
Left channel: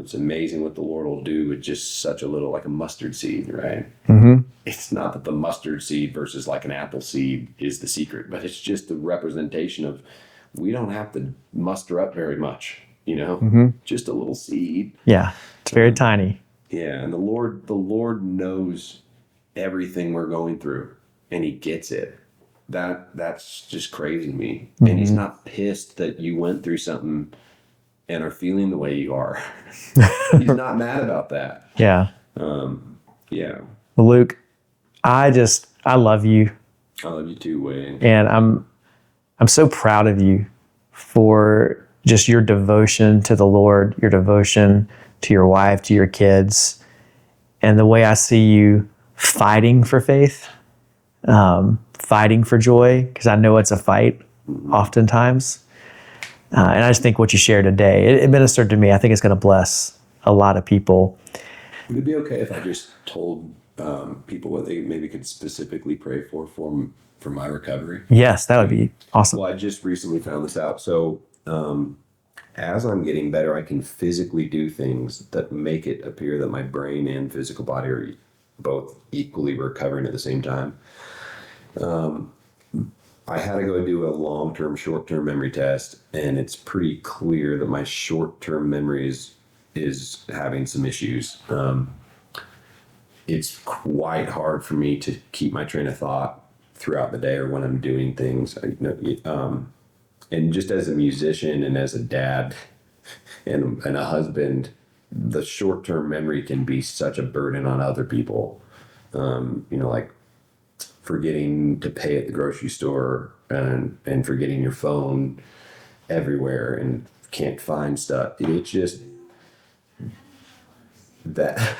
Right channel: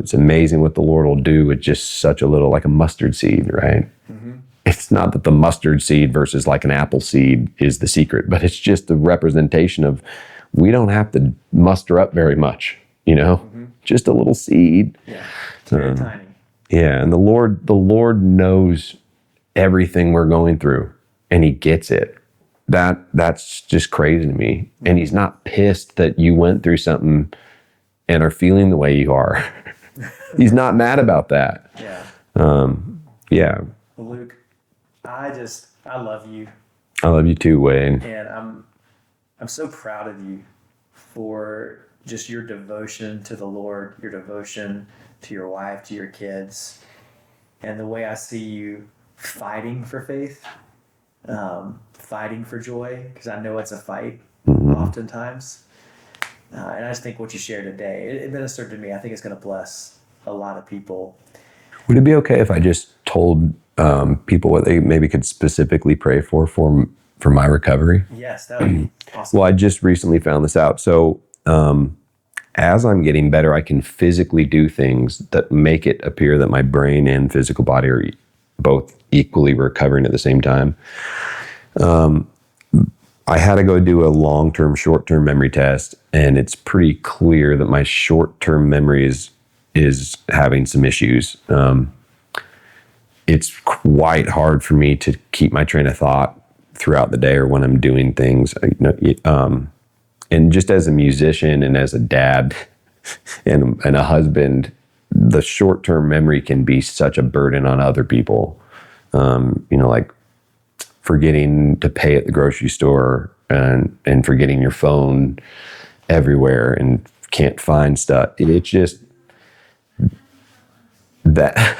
It's amazing what the Lord will do with just such a little, like a mustard seed, right? It's not that the mustard seed versus like an apple seed is the secret, but it's just the representation of, we don't have to muster up very much, you know, just a little seed. Yeah, it's very tiny. Yeah, and the Lord knows everything we're going through, and he gets it. That's just crazy to me. And he's not pissed that you went through something and are feeling the way you are. He's not mad about that. Yeah. Yeah. Well, Luke, I love you. I love you too, Wade. And I'm so proud of you for just your devotion to the Lord, your devotion to your wife, to your kids, and the way I see you fighting for faith, fighting for joy, because I know it's a fight oftentimes. And I just think what you shared today, it ministered to me. I think it's going to bless a lot of people. Would it be okay if I just told people what they maybe could specifically pray for my recovery? Yes, that would be awesome. Well, I just recently found this out. So as I'm getting better, I can physically do things that make it appear that my brain and physical body are both equally recovering at the same time. I had to go do a long-term, short-term memory test, and it's pretty clear that my short-term memory is having some issues. It's quite hard for me to keep my train of thought throughout the day or when I'm doing things. And just as a musician and as a dad and a husband, the short-term memory can be such a burden on other people. Like forgetting to pay at the grocery store and forgetting your phone everywhere and can't find stuff. It's just that.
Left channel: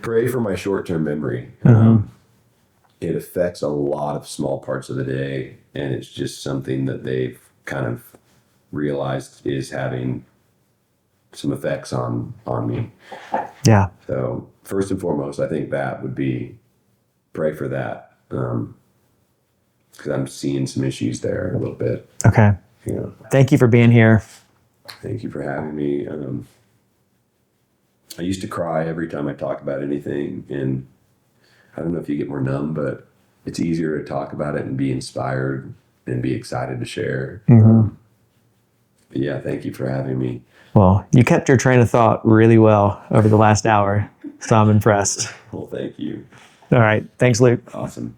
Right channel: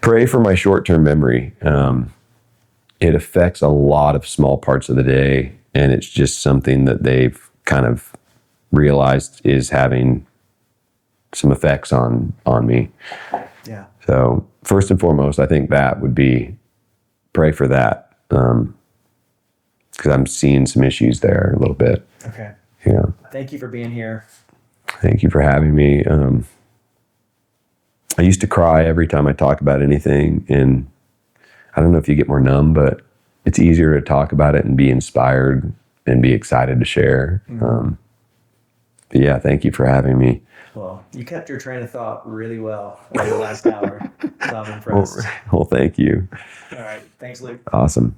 Pray for my short-term memory. It affects a lot of small parts of the day, and it's just something that they've kind of realized is having some effects on me. Yeah. So first and foremost, I think that would be pray for that, because I'm seeing some issues there a little bit. Okay. Yeah. Thank you for being here. Thank you for having me. I used to cry every time I talk about anything, and I don't know if you get more numb, but it's easier to talk about it and be inspired and be excited to share. But yeah, thank you for having me. Well, you kept your train of thought really well over the last hour, so I'm impressed. Well, thank you. All right. Thanks, Luke. Awesome.